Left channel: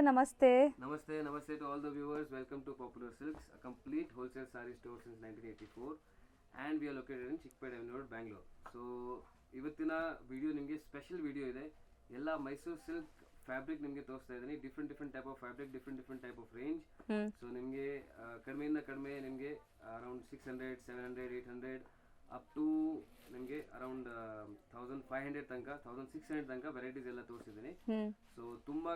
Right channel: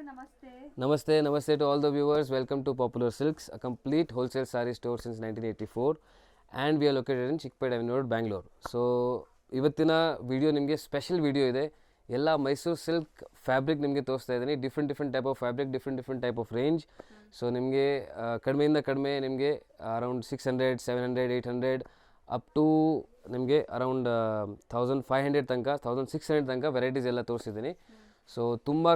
sir, namaste. Namaste to all the viewers. Welcome to Popular Silks, a complete wholesale saree store since 1984, and we are located in Chickpet Avenue Road, Bangalore. So, ಇವತ್ತಿನ video ನಿಮಗೆ special video ಇದೆ. ಎಲ್ಲ Mysuru silk fabric ನಿಮಗೆ ತೋರಿಸ್ತಾ ಇದ್ದೀನಿ. Different type of fabric, different type of range. So ನಿಮಗೆ ಕಡಿಮೆಯಿಂದ ಕಡಿಮೆ ನಿಮಗೆ ಅರೌಂಡ್ 600, 700, 800 ಅಪ್ ಟು ನಿಮಗೆ ಅರೌಂಡ್ 1500 ತನಕ 1600 ತನಕ ವೆರೈಟೀಸ್ ಎಲ್ಲ ತೋರಿಸಿದ್ದೀನಿ. ಸೊ ತುಂಬ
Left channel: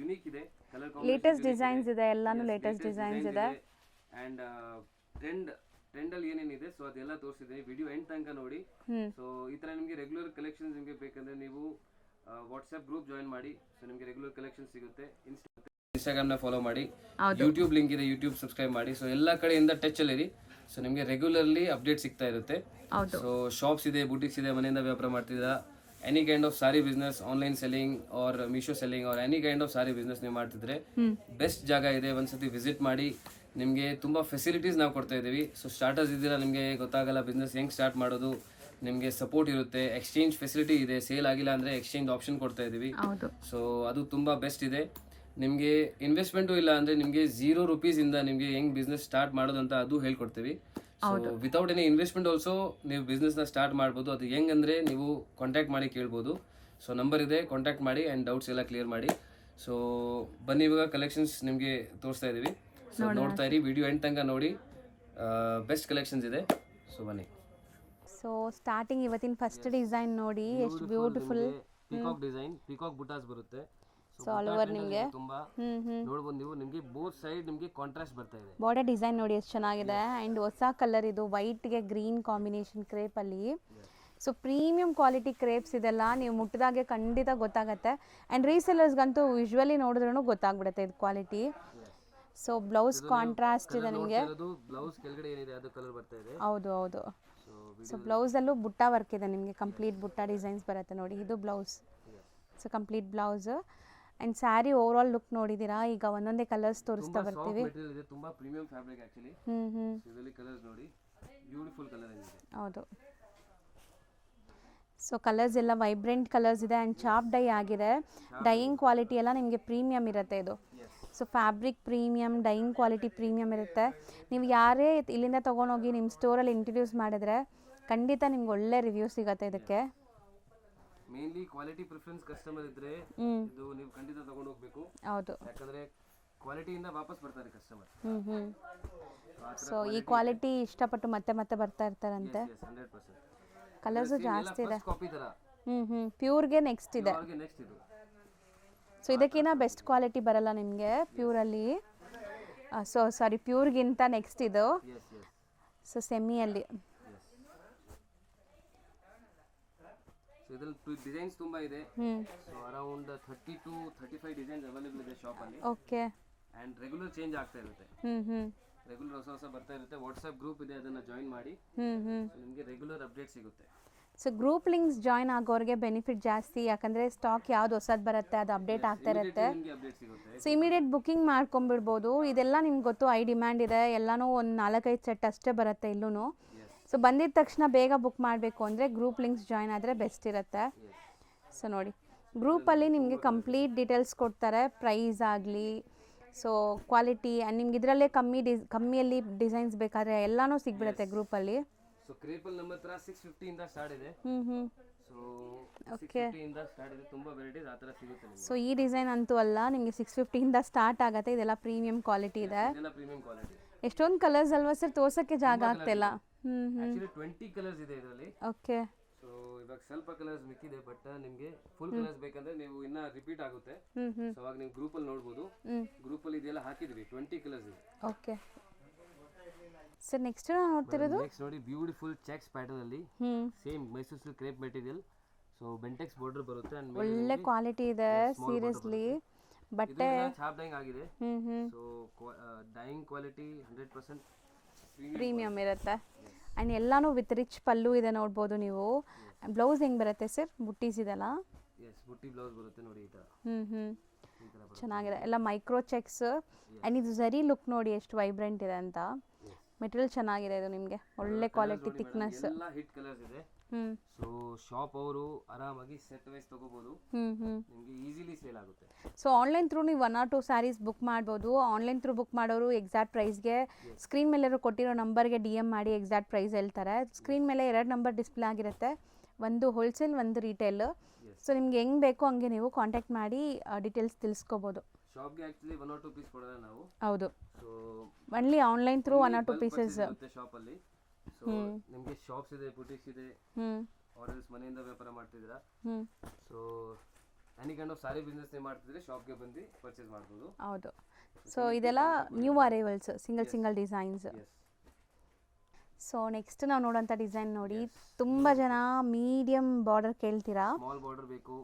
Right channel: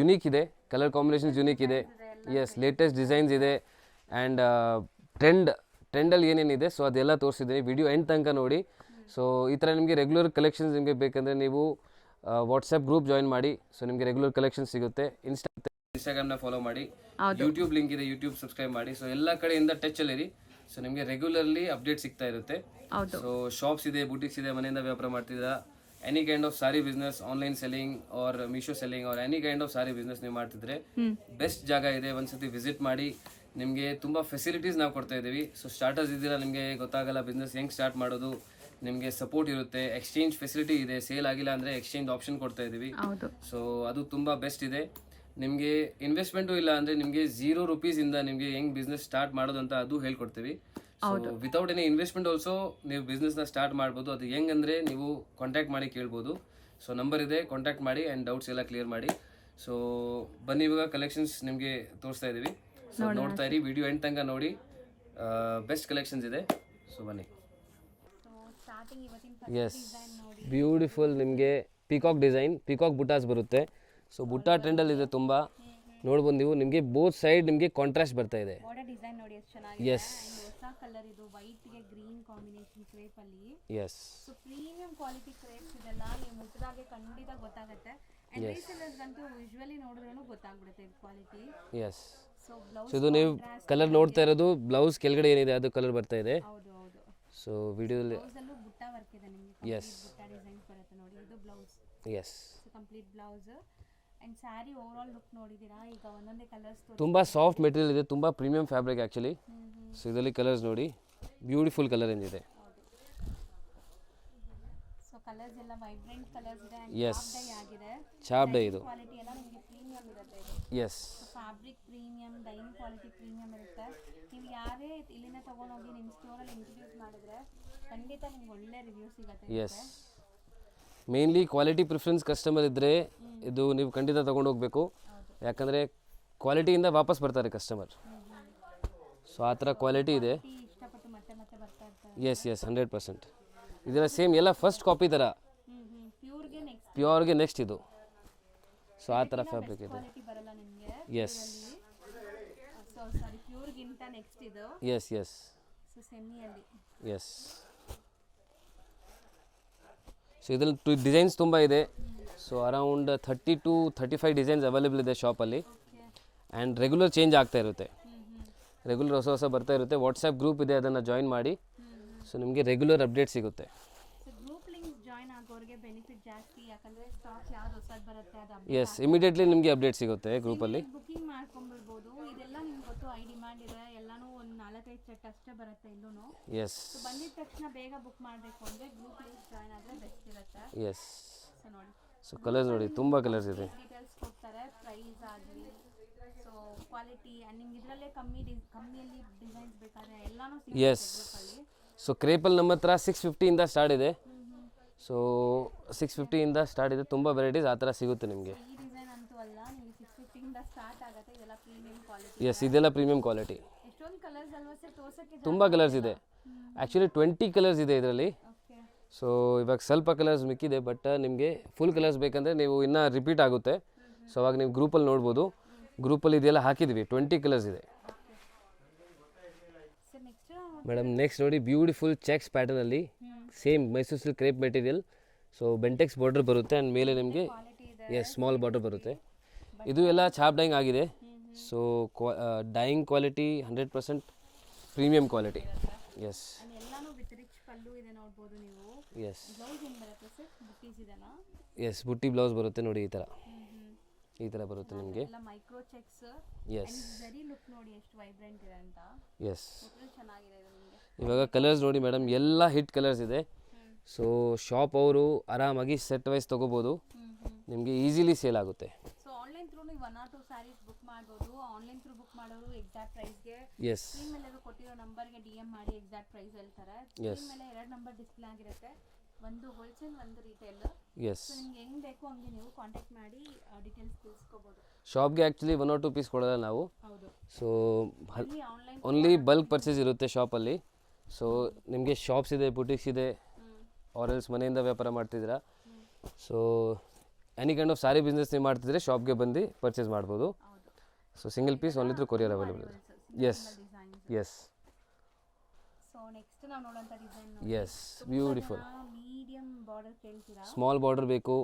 ಯುನೀಕ್ ಇದೆ, ಕಲರ್ ಕಾಂಬಿನೇಷನ್ಸ್ ಯುನೀಕ್ ಇದೆ, ಎಸ್ ಲೇಟೆಸ್ಟ್ ಡಿಸೈನ್ಸ್ ಇದೆ, ಆ್ಯಂಡ್ ಟ್ರೆಂಡಲ್ಲಿ ಏನೇನಿದೆ ಸೊ ಅದೆಲ್ಲ ತೋರಿಸಿದ್ದೀನಿ. ವಿಡಿಯೋ ಎಂಡ್ ತನಕ ನೋಡಿ. ಸೊ ಈ ಥರ ನಿಮಗೆ ರೆಗ್ಯುಲರ್ ಕಲೆಕ್ಷನ್ಸ್ ನಿಮಗೆ ಬೇಕಂದರೆ ನೀವು ವಾಟ್ಸಪ್ ಗ್ರೂಪ್ ಜಾಯಿನ್ ಮಾಡಿ. ಸೊ ನಿಮಗೆ ರೆಗ್ಯುಲರ್ ಕಲೆಕ್ಷನ್ ಸಿಗುತ್ತೆ. ಇನ್ಸ್ಟಾಗ್ರಾಮ್ನ ಫಾಲೋ ಮಾಡಿ, ಯೂಟ್ಯೂಬ್ ಲಿಂಕ್ ಇದೆ, ಯೂಟ್ಯೂಬ್ ಸಬ್ಸ್ಕ್ರೈಬ್ ಮಾಡಿ. ಸೊ ಎಲ್ಲ ಕಡೆಯಿಂದ ಟಚಲ್ಲಿರಿ. ಸೊ ನಿಮಗೆ ರೆಗ್ಯುಲರ್ಲಿ ಅಪ್ಡೇಟ್ ಸಿಗ್ತಾ ಇರುತ್ತೆ. ಸೊ ಶಾಪ್ಸ್ ಇದೆ, ಬುಟಿಕ್ಸ್ ಇದೆ, ಮನೆಯಿಂದ ವ್ಯಾಪಾರ ಮಾಡ್ತಿದ್ದೀರಾ, any kind of sari business, online selling or Meesho selling or any kind of sari business ನೀವು ಮಾಡ್ತಿದ್ರೆ ಬೆಸ್ಟ್ ಜಾಗ ಇದೆ. ಒಂದ್ಸತಿ ವಿಸಿಟ್ ಮಾಡಿ. ನಿಮಗೆ ತುಂಬ ಫೆಸಿಲಿಟೀಸ್ ನಾವು ಕೊಡ್ತಾ ಇದ್ದೀವಿ. ಸೊ ಸ್ಟಾರ್ಟರ್ಸ್ ಇದ್ದೀರಾ, ನಿಮಗೆ ಗೊತ್ತಾಗಲ್ಲ ಬಿಸ್ನೆಸ್ ಹೆಂಗೆ ಸ್ಟಾರ್ಟ್ ಮಾಡೋದು, ನಿಮಗೆ ಸಪೋರ್ಟ್ ಇರುತ್ತೆ. ಎಕ್ಸ್ಚೇಂಜ್ ಫೆಸಿಲಿಟಿ ಇದೆ, ಸೇಲ್ ಆಗಿಲ್ಲ ಅಂದರೆ ಎಕ್ಸ್ಚೇಂಜ್ ಆಪ್ಷನ್ ಕೊಡ್ತಾ ಇದ್ದೀವಿ. ಸೊ ಅದು ತುಂಬ ಬೆಸ್ಟ್ ಇದೆ. ನಿಮಗೆ ಇನ್ವೆಸ್ಟ್ಮೆಂಟು ಇಲ್ಲ ಅಂದರೆ ನಿಮಗೆ ₹0 ಇಂದ ನಿಮಗೆ ಹೆಂಗೆ ಬಿಸ್ನೆಸ್ ಸ್ಟಾರ್ಟ್ ಮಾಡೋದು ಅಂತ ಅದು ಹೇಳ್ಕೊಡ್ತೀವಿ. So without any investment also ನೀವು ಬಿಸ್ನೆಸ್ನ ಸ್ಟಾರ್ಟ್ ಮಾಡ್ಬೋದು. ಅದು ಹೆಂಗಂದರೆ ನೀವು ಕಾಂಟ್ಯಾಕ್ಟ್ ಮಾಡಿ ಕೇಳ್ಬೋದು. ಸೊ ನಂಬರ್ ಇದೆ, ಕಾಂಟ್ಯಾಕ್ಟ್ ಮಾಡಿ ಆ್ಯಂಡ್ ಡೌಟ್ಸ್ ಎಲ್ಲ ಕ್ಲಿಯರ್ ಮಾಡಿ. ಸೊ ಬನ್ನಿ, ಇವಾಗ ಕಲೆಕ್ಷನ್ಸ್ ನಿಮಗೆ ತೋರಿಸ್ತಾ ಇದ್ದೀವಿ. ಸೊ ನೋಡ್ತಾ ಇರಿ, ವಿಡಿಯೋ ಎಂಡ್ ತನಕ ನೋಡಿ. ಬೆಸ್ಟ್ ಕಲೆಕ್ಷನ್ಸ್ ಇದೆ. ಸೊ ಬನ್ನಿ. ಸೊ ಸ್ಟಾರ್ಟಿಂಗ್ ಇವತ್ತಿನ ಫಸ್ಟ್ ಡಿಸೈನ್ ನೋಡಿ, ಬ್ಯೂಟಿಫುಲ್ ನಿಮಗೆ ಪಿಕಾಕ್ ಡಿಸೈನ್, ಪಿಕಾಕ್ ಬುಟಾಸ್ ಬರುತ್ತೆ. ಸೊ ಬುಟಾ ಟ್ರೆಂಡಲ್ಲಿ ಇದೆ ತುಂಬ. ನೋಡ್ಬೋದು ನೀವು, ನಿಮಗೆ ಬೋತ್ ಸೈಡ್ ನಿಮಗೆ ಕಾಂಟ್ರಾಸ್ಟ್ ಬರ್ತಾ ಇದೆ. ಬಾರ್ಡರ್ ಡಿಸೈನ್ ನೋಡಿ ಎಷ್ಟು ಚೆನ್ನಾಗಿದೆ. ಅಂಡ್ ಹೊಸ ಕಲರ್ ಇದು, ವೈಟ್ ಗೆ ಗ್ರೀನ್ ಕಾಂಬಿನೇಷನ್ ಕ್ರೇಪ್ ಅಲ್ಲಿ. ಸೊ ಪ್ರೀಮಿಯಂ ಕ್ವಾಲಿಟಿ ಕ್ರೇಪ್ಸ್ ಇದೆಲ್ಲ ನೀವು ಮುಟ್ಟಿದಾಗೆ ಖಂಡಿತ ಗೊತ್ತಾಗತ್ತೆ. ಅಂಡ್ ರೀಸೆಲ್ಲರ್ಸ್ ಗಂತೂ ವಿಜುವಲಿ ನೋಡಿದ್ರೂ ಗೊತ್ತಾಗ್ಬಿಡುತ್ತೆ ಇದು quality. So blouse contrast colour ನೋಡ್ತಾ ಇರೋದು, ಬ್ಲೌಸ್ ಕೆಳಗಡೆ ಏನಿದೆ ಅದು ಕಲರ್ ಬರ್ತಾ ಇದೆ. ಹೌದು. ಸೊ ವಿಡಿಯೋ ಬ್ಲೌಸ್ ಅಲ್ಲೂ ಬುಟ್ಟ ವರ್ಕ್ ಇದೆ, ನಿಮಗೆ ಕಂಪ್ಲೀಟ್ ಬುಟ್ಟ ಡಿಸೈನ್ಸ್ ಬರುತ್ತೆ ನೋಡಿ. ಇದು blouse. So complete blouse. And sari overall look ನೋಡಿದೀರಾ. ಈಗ ಒಂದೊಂದೇ ಕಲರ್ಸ್ ತೋರಿಸ್ತಾ ತುಂಬಾ ಸಾಫ್ಟ್ ಮೆಟೀರಿಯಲ್ ಇದೆ, ತುಂಬಾ ಪ್ರೀಮಿಯಂ ಫ್ಯಾಬ್ರಿಕ್ ಆಕ್ಚುಲಿ. ಸೊ ಇದರಲ್ಲಿ ಕಲರ್ಸ್ ನೋಡಿ, ಬ್ಯೂಟಿಫುಲ್ ಕಲರ್ ಏನಿದೆ. ಹೌದು. ಸೊ ಕಲರ್ಸ್ ಎಲ್ಲ ವೈಬ್ರೆಂಟ್ ಕಲರ್ಸ್ ಇದೆ ಅಂಡ್ ಚಾಪ್ ಡೈ ಆಗಿದೆ. ಡೈಯಿಂಗ್ ಕ್ವಾಲಿಟಿ ಎಲ್ಲ ನಿಮಗೆ ಪ್ರೀಮಿಯಂ ಇರುತ್ತೆ ಇದು. So fabric premium, dyeing quality premium ಇರುತ್ತೆ. ನೀವು ಯಾರೇ ಇಲ್ಲಿಂದ ತಗೊಂಡೋಗಿ ನಿಮ್ಮ ಸ್ಟೋರಲ್ಲಿ ಇಂಟ್ರೊಡ್ಯೂಸ್ ಮಾಡಿದ್ರೆ ಖಂಡಿತ ನಿಮ್ಗೆ ಒಳ್ಳೆ ರಿವ್ಯೂ ಸಿಗುತ್ತೆ ಇದಕ್ಕೆ. ಮೇನ್ಲಿ ಕ್ವಾಲಿಟಿ ಪ್ರಿಫರೆನ್ಸ್ ಕಸ್ಟಮರ್ ಇದ್ರೆ ಇದು ನೀವು ಖಂಡಿತ ತಗೊಂಡು ಹೋಗ್ಬೇಕು. ಯಾಕಂದ್ರೆ ಕ್ವಾಲಿಟಿಯಿಂದ ವಾಪಸ್ ಬರ್ತಾರೆ ಕಸ್ಟಮರ್. ಸೊ ಆ ಥರ ಕ್ವಾಲಿಟಿ ಇದೆ, ಇಷ್ಟಪಟ್ಟು ಮತ್ತೆ ಬರ್ತಾ ಇರ್ತಾರೆ. ಎಸ್ 100%. ಇದರ ಸೇಮ್ ಎಲ್ಲ ಫಸ್ಟ್ ಕಾಪಿ ತರ. ಪ್ಯೂರ್ಗೆ ನೆಕ್ಸ್ಟ್ ಇದು. ಸೊ ಇದಕ್ಕಿಂತ ಬೆಸ್ಟ್ ಕ್ವಾಲಿಟಿ ಬರಲ್ಲ ನಿಮಗೆ ಪ್ಯೂರ್ ಅಲ್ಲಿ. ಸೊ ಸಾರಿ, ಪ್ಯೂರ್ಗಿಂತ ನೆಕ್ಸ್ಟ್ ಇದು. ಎಸ್. ಸೊ ಸೆಮಿ ಅಲ್ಲಿ. ಎಸ್. ಸೊ ಇದರಲ್ಲಿ ಡಿಸೈನ್ಸ್ ತುಂಬ ಇದೆ. So around 30 to 35 designs available ಇದೆ ಶಾಪಲ್ಲಿ. ಆ್ಯಂಡ್ ರೆಗ್ಯುಲರ್ ಚೇಂಜ್ ಆಗ್ತಾ ಇರುತ್ತೆ. ರೆಗ್ಯುಲರ್ ಹೊಸ ಬರ್ತಾ ಇರುತ್ತೆ. ವಾಟ್ಸ್ಆ್ಯಪ್ ಗ್ರೂಪ್ ಇದೆ, ಅದನ್ನು ಜಾಯಿನ್ ಮಾಡಿ. ಸೊ ನಿಮಗೆ ರೆಗ್ಯುಲರ್ ಅಪ್ಡೇಟ್ ಸಿಗುತ್ತೆ. ಸೊ ಗ್ರೂಪ್ ಲಿಂಕ್ಸ್ ಜಾಯಿನ್ ಆಗೋರಿಗೆ ಬೆನಿಫಿಟ್ ಜಾಸ್ತಿ, ಯಾಕಂದ್ರೆ ಸ್ಟಾಕ್ ಯಾವ್ದು ಹೊಸದು ಬರುತ್ತೆ ಅದು ಅಪ್ಡೇಟ್ ಆಗ್ತಾ ಇಮಿಡಿಯೇಟ್ಲಿ ನಿಮಗೆ ಅಪ್ಡೇಟ್ ಸಿಗುತ್ತೆ. ಇಮಿಡಿಯೇಟ್ ಬುಕಿಂಗ್ ಮಾಡ್ಕೊಂಡ್ಬಿಡ್ಬೋದು. ಇದೆಲ್ಲ ನಿಮ್ಗೆ ಗೊತ್ತು, ಐ ಡಿಮ್ಯಾಂಡ್ ಇದೆ. ಎಲ್ಲಾನು ಒಂದು 4-5 ಸೆಟ್ ಅಷ್ಟೇ ಬರುತ್ತೆ ಇಲ್ಲೂ. ಸೊ ಬಂದಿದ ತಕ್ಷಣ ಬೇಗ ಬುಕ್ ಮಾಡಬೇಕು ಅಂದ್ರೆ ಗ್ರೂಪ್ ಲಿಂಕ್ಸ್ ಜಾಯಿನ್ ಆದ್ರೆ ಬೆಸ್ಟ್ ಇರುತ್ತೆ. ಸೊ ನೋಡಿ, ಗ್ರೂಪ್ ಅಲ್ಲಿ ನಿಮ್ಗೆ ಕಂಪ್ಲೀಟ್ ಡೀಟೇಲ್ಸ್ ಕೊಡ್ತಾರೆ, ಪ್ರೈಸ್ ಆಗಲಿ, ಸೊ ಕ್ವಾಲಿಟಿ, ನಿಮ್ಗೆ ಇದರಲ್ಲೇ ಕಮ್ಮಿಯಲ್ಲಿ ಡಿಸೈನ್ಸ್ ಬೇಕಾದ್ರೆ ಎಲ್ಲಾನು ಸಿಗುತ್ತೆ ಗ್ರೂಪ್ ಅಲ್ಲಿ. ಸೊ ಕ್ರೇಪಲ್ ನಮ್ಮ ಹತ್ರ 650 ಇಂದ ಸ್ಟಾರ್ಟ್ ಇದೆ. ಸೊ 650 ಇಂದ ಸ್ಟಾರ್ಟ್ ಇದೆ, ತುಂಬಾ ವೆರೈಟೀಸ್ ಆ ಥರ ಸಿಗುತ್ತೆ ನಿಮಗೆ. ಸೊ ಈ ಡಿಸೈನ್ ಅಂತೂ ಅಲ್ಲ, ನಿಮಗೆ 650 ಇಂದ ಸ್ಟಾರ್ಟ್ ಆಗುತ್ತೆ. ಇದೆಲ್ಲ ಪ್ರೀಮಿಯಂ ಕ್ವಾಲಿಟಿ ಇದೆ. ಇದೆಲ್ಲ ಪ್ರೀಮಿಯಂ ಕ್ವಾಲಿಟಿ. ಎಷ್ಟೊಂದು ಕಲರ್ಸ್ ಅಲ್ವಾ ಸರ್, ತೋರ್ಸಕ್ಕೆ ಜಾಗ ತುಂಬಾ ಕಲರ್ಸ್ ಇದೆ. ಆಕ್ಚುಲಿ 20 ಕಲರ್ಸ್ ಇದೆ ಇದರಲ್ಲಿ. ಓಕೆ. ಸೊ ಇವಾಗ ಸ್ವಲ್ಪ ಕಲರ್ಸ್ ಮಿಕ್ಕಿದೆ, ಬಟ್ ನಿಮಗೆ ಫುಲ್ ಕಲರ್ಸ್ ಬೇಕಂದ್ರೆ ನೀವು ಇನ್ನ ರಿಪೀಟ್ ಆಗುತ್ತೆ. ಸೊ ಅವಾಗ ನೀವು ಗ್ರೂಪಲ್ಲಿ ನೋಡ್ಬೋದು. ಗ್ರೂಪಲ್ಲಿ ಇದೆಲ್ಲ ಹಾಕಿದ್ವಿ, 20 ಕಲರ್ಸ್ ಇದೆ. Okay sir. ನೆಕ್ಸ್ಟ್ ನೋಡಿ, ಬ್ಯೂಟಿಫುಲ್ ಚೆಕ್ಸ್ ಪ್ಯಾಟರ್ನ್ ಅಲ್ಲಿ same Mysuru silk crepe material. So Bentex border ಬರುತ್ತೆ ಅಂಡ್ ಮೇಲೆ ನಿಮಗೆ ಸ್ಮಾಲ್ ಬಾರ್ಡರ್ ಬರುತ್ತೆ. ಇದು ಎಲ್ಲ ಚಾಪ್ ಡೈಯಿಂಗ್ ಆಗಿದೆ. So dyeing quality 100% premium quality ಇರುತ್ತೆ. ಅಂಡ್ ಎಲ್ಲಾನು ವಿತ್ ರಿಚ್ ಪಲ್ಲು ಇದೆ, ನೋಡಬಹುದು ನೀವು. ಬ್ಲೌಸ್ ಹೆಂಗ್ ಬರುತ್ತೆ ಸರ್, ಬುಟ್ಟೀಸ್ ಇದೆಲ್ಲ? ಎಸ್, ಬುಟ್ಟಿ ಬ್ಲೌಸ್ ಬರುತ್ತೆ ನೋಡಿ ಈ ತರ. ಈ ತರ ಬರುತ್ತೆ. ಚೆನ್ನಾಗಿದೆ, ಎಲ್ಲ ಮೈಕ್ರೋ ಚೆಕ್ಸ್. ಅಂಡ್ ಇದು ಝರಿ ಲುಕ್ ನೋಡಿ ಎಷ್ಟು ವೈಬ್ರೆಂಟ್ ಇದೆ ಅಂತ. ಮೆಟೀರಿಯಲ್ ಚೆನ್ನಾಗಿದೆ ಇದು ನಿಮಗೆ. ಇವಾಗ ಕಲರ್ಸ್ ನೋಡಿ ಮೇಡಮ್, ಎಲ್ಲ ಹಿಟ್ ಕಲರ್ಸ್ ಇದೆ. ಹ್ಮ್ ಸೊ ಶಾಪ್ ಅವರು ಆರಾಮಾಗಿ ಸೆಟ್ ವೈಸ್ ತೊಗೋಬೋದು, ನಿಮಗೆ ಈಸಿಲಿ ಸೇಲ್ ಆಗುತ್ತೆ. ಸೊ ಆನ್ಲೈನ್ ಥ್ರೂ ನೀವು 1 or 2 ಸ್ಯಾರೀಸ್ ಬುಕ್ ಮಾಡ್ಬೋದು. ಆನ್ಲೈನ್ ಥ್ರೂ ಬುಕ್ ಮಾಡೋರು ಎಕ್ಸಾಕ್ಟ್ ಪ್ರೈಸ್ಗೆ ಎಸ್ ಸ್ಕ್ರೀನ್ ಮೇಲೆ ಕೊಟ್ಟಿರೋ ನಂಬರ್ಗೆ DM ಮಾಡಿ ಎಕ್ಸಾಕ್ಟ್ ಪ್ರೈಸ್ ಹೇಳ್ತಾರೆ. ಸ್ಕ್ರೀನ್ ಮೇಲೆ 2 ನಂಬರ್ ಡಿಸ್ಪ್ಲೇ ಆಗಿರುತ್ತೆ, ಒಂದು ಹೋಲ್ಸೇಲ್ ಒಂದು ರಿಟೇಲ್. ಎಸ್ ಸೊ ನಿಮ್ಗೆ ಹೆಂಗ್ ಬೇಕೋ ಹಂಗೆ ನೀವು ಕಾಂಟ್ಯಾಕ್ಟ್ ಮಾಡಿ ಡೀಟೇಲ್ಸ್ ತಿಳಿಸ್ಕೋಬಹುದು. ಶಾಪ್ಗೆ ಆ್ಯಕ್ಚುಲಿ 1 or 2 ಪೀಸ್ ಕೊಡೋಲ್ಲ ನಾವು. ಹೌದು, so only online through only bulk purchase ಇರುತ್ತೆ ಶಾಪಲ್ಲಿ. ಸೊ ನಿಮಗೆ ಶಾಪ್ಸ್ ಇದೆ, ಬುಟಿಕ್ಸ್ ಇದೆ, ಆರ್ ಎಲ್ಸ್ ಮನೆಯಿಂದ ವ್ಯಾಪಾರ ಮಾಡ್ತಿದ್ದೀರಾ, so any kind of sari business ನೀವು ಮಾಡ್ತಿದ್ರೆ ಶಾಪ್ಗೆ ಬಂದು ಪರ್ಚೇಸ್ ಮಾಡ್ಬೋದು. ಹೌದು, ಸೊ ಸಿಂಗಲ್ ಪೀಸ್ ಇದೆಲ್ಲ ಒಂದು courier new arrivals, single designs. Yes so next ನಾವು ನೋಡೋಂಥ ಡಿಸೈನ್ ನೋಡಿ, Yes, ತುಂಬಾ ಜನ ಮೀಡಿಯಂ ಬಾರ್ಡರ್ ಕೇಳ್ತೀರಾ. ಸ್ಮಾಲ್ ಬಾರ್ಡರ್ ಬೇಕು,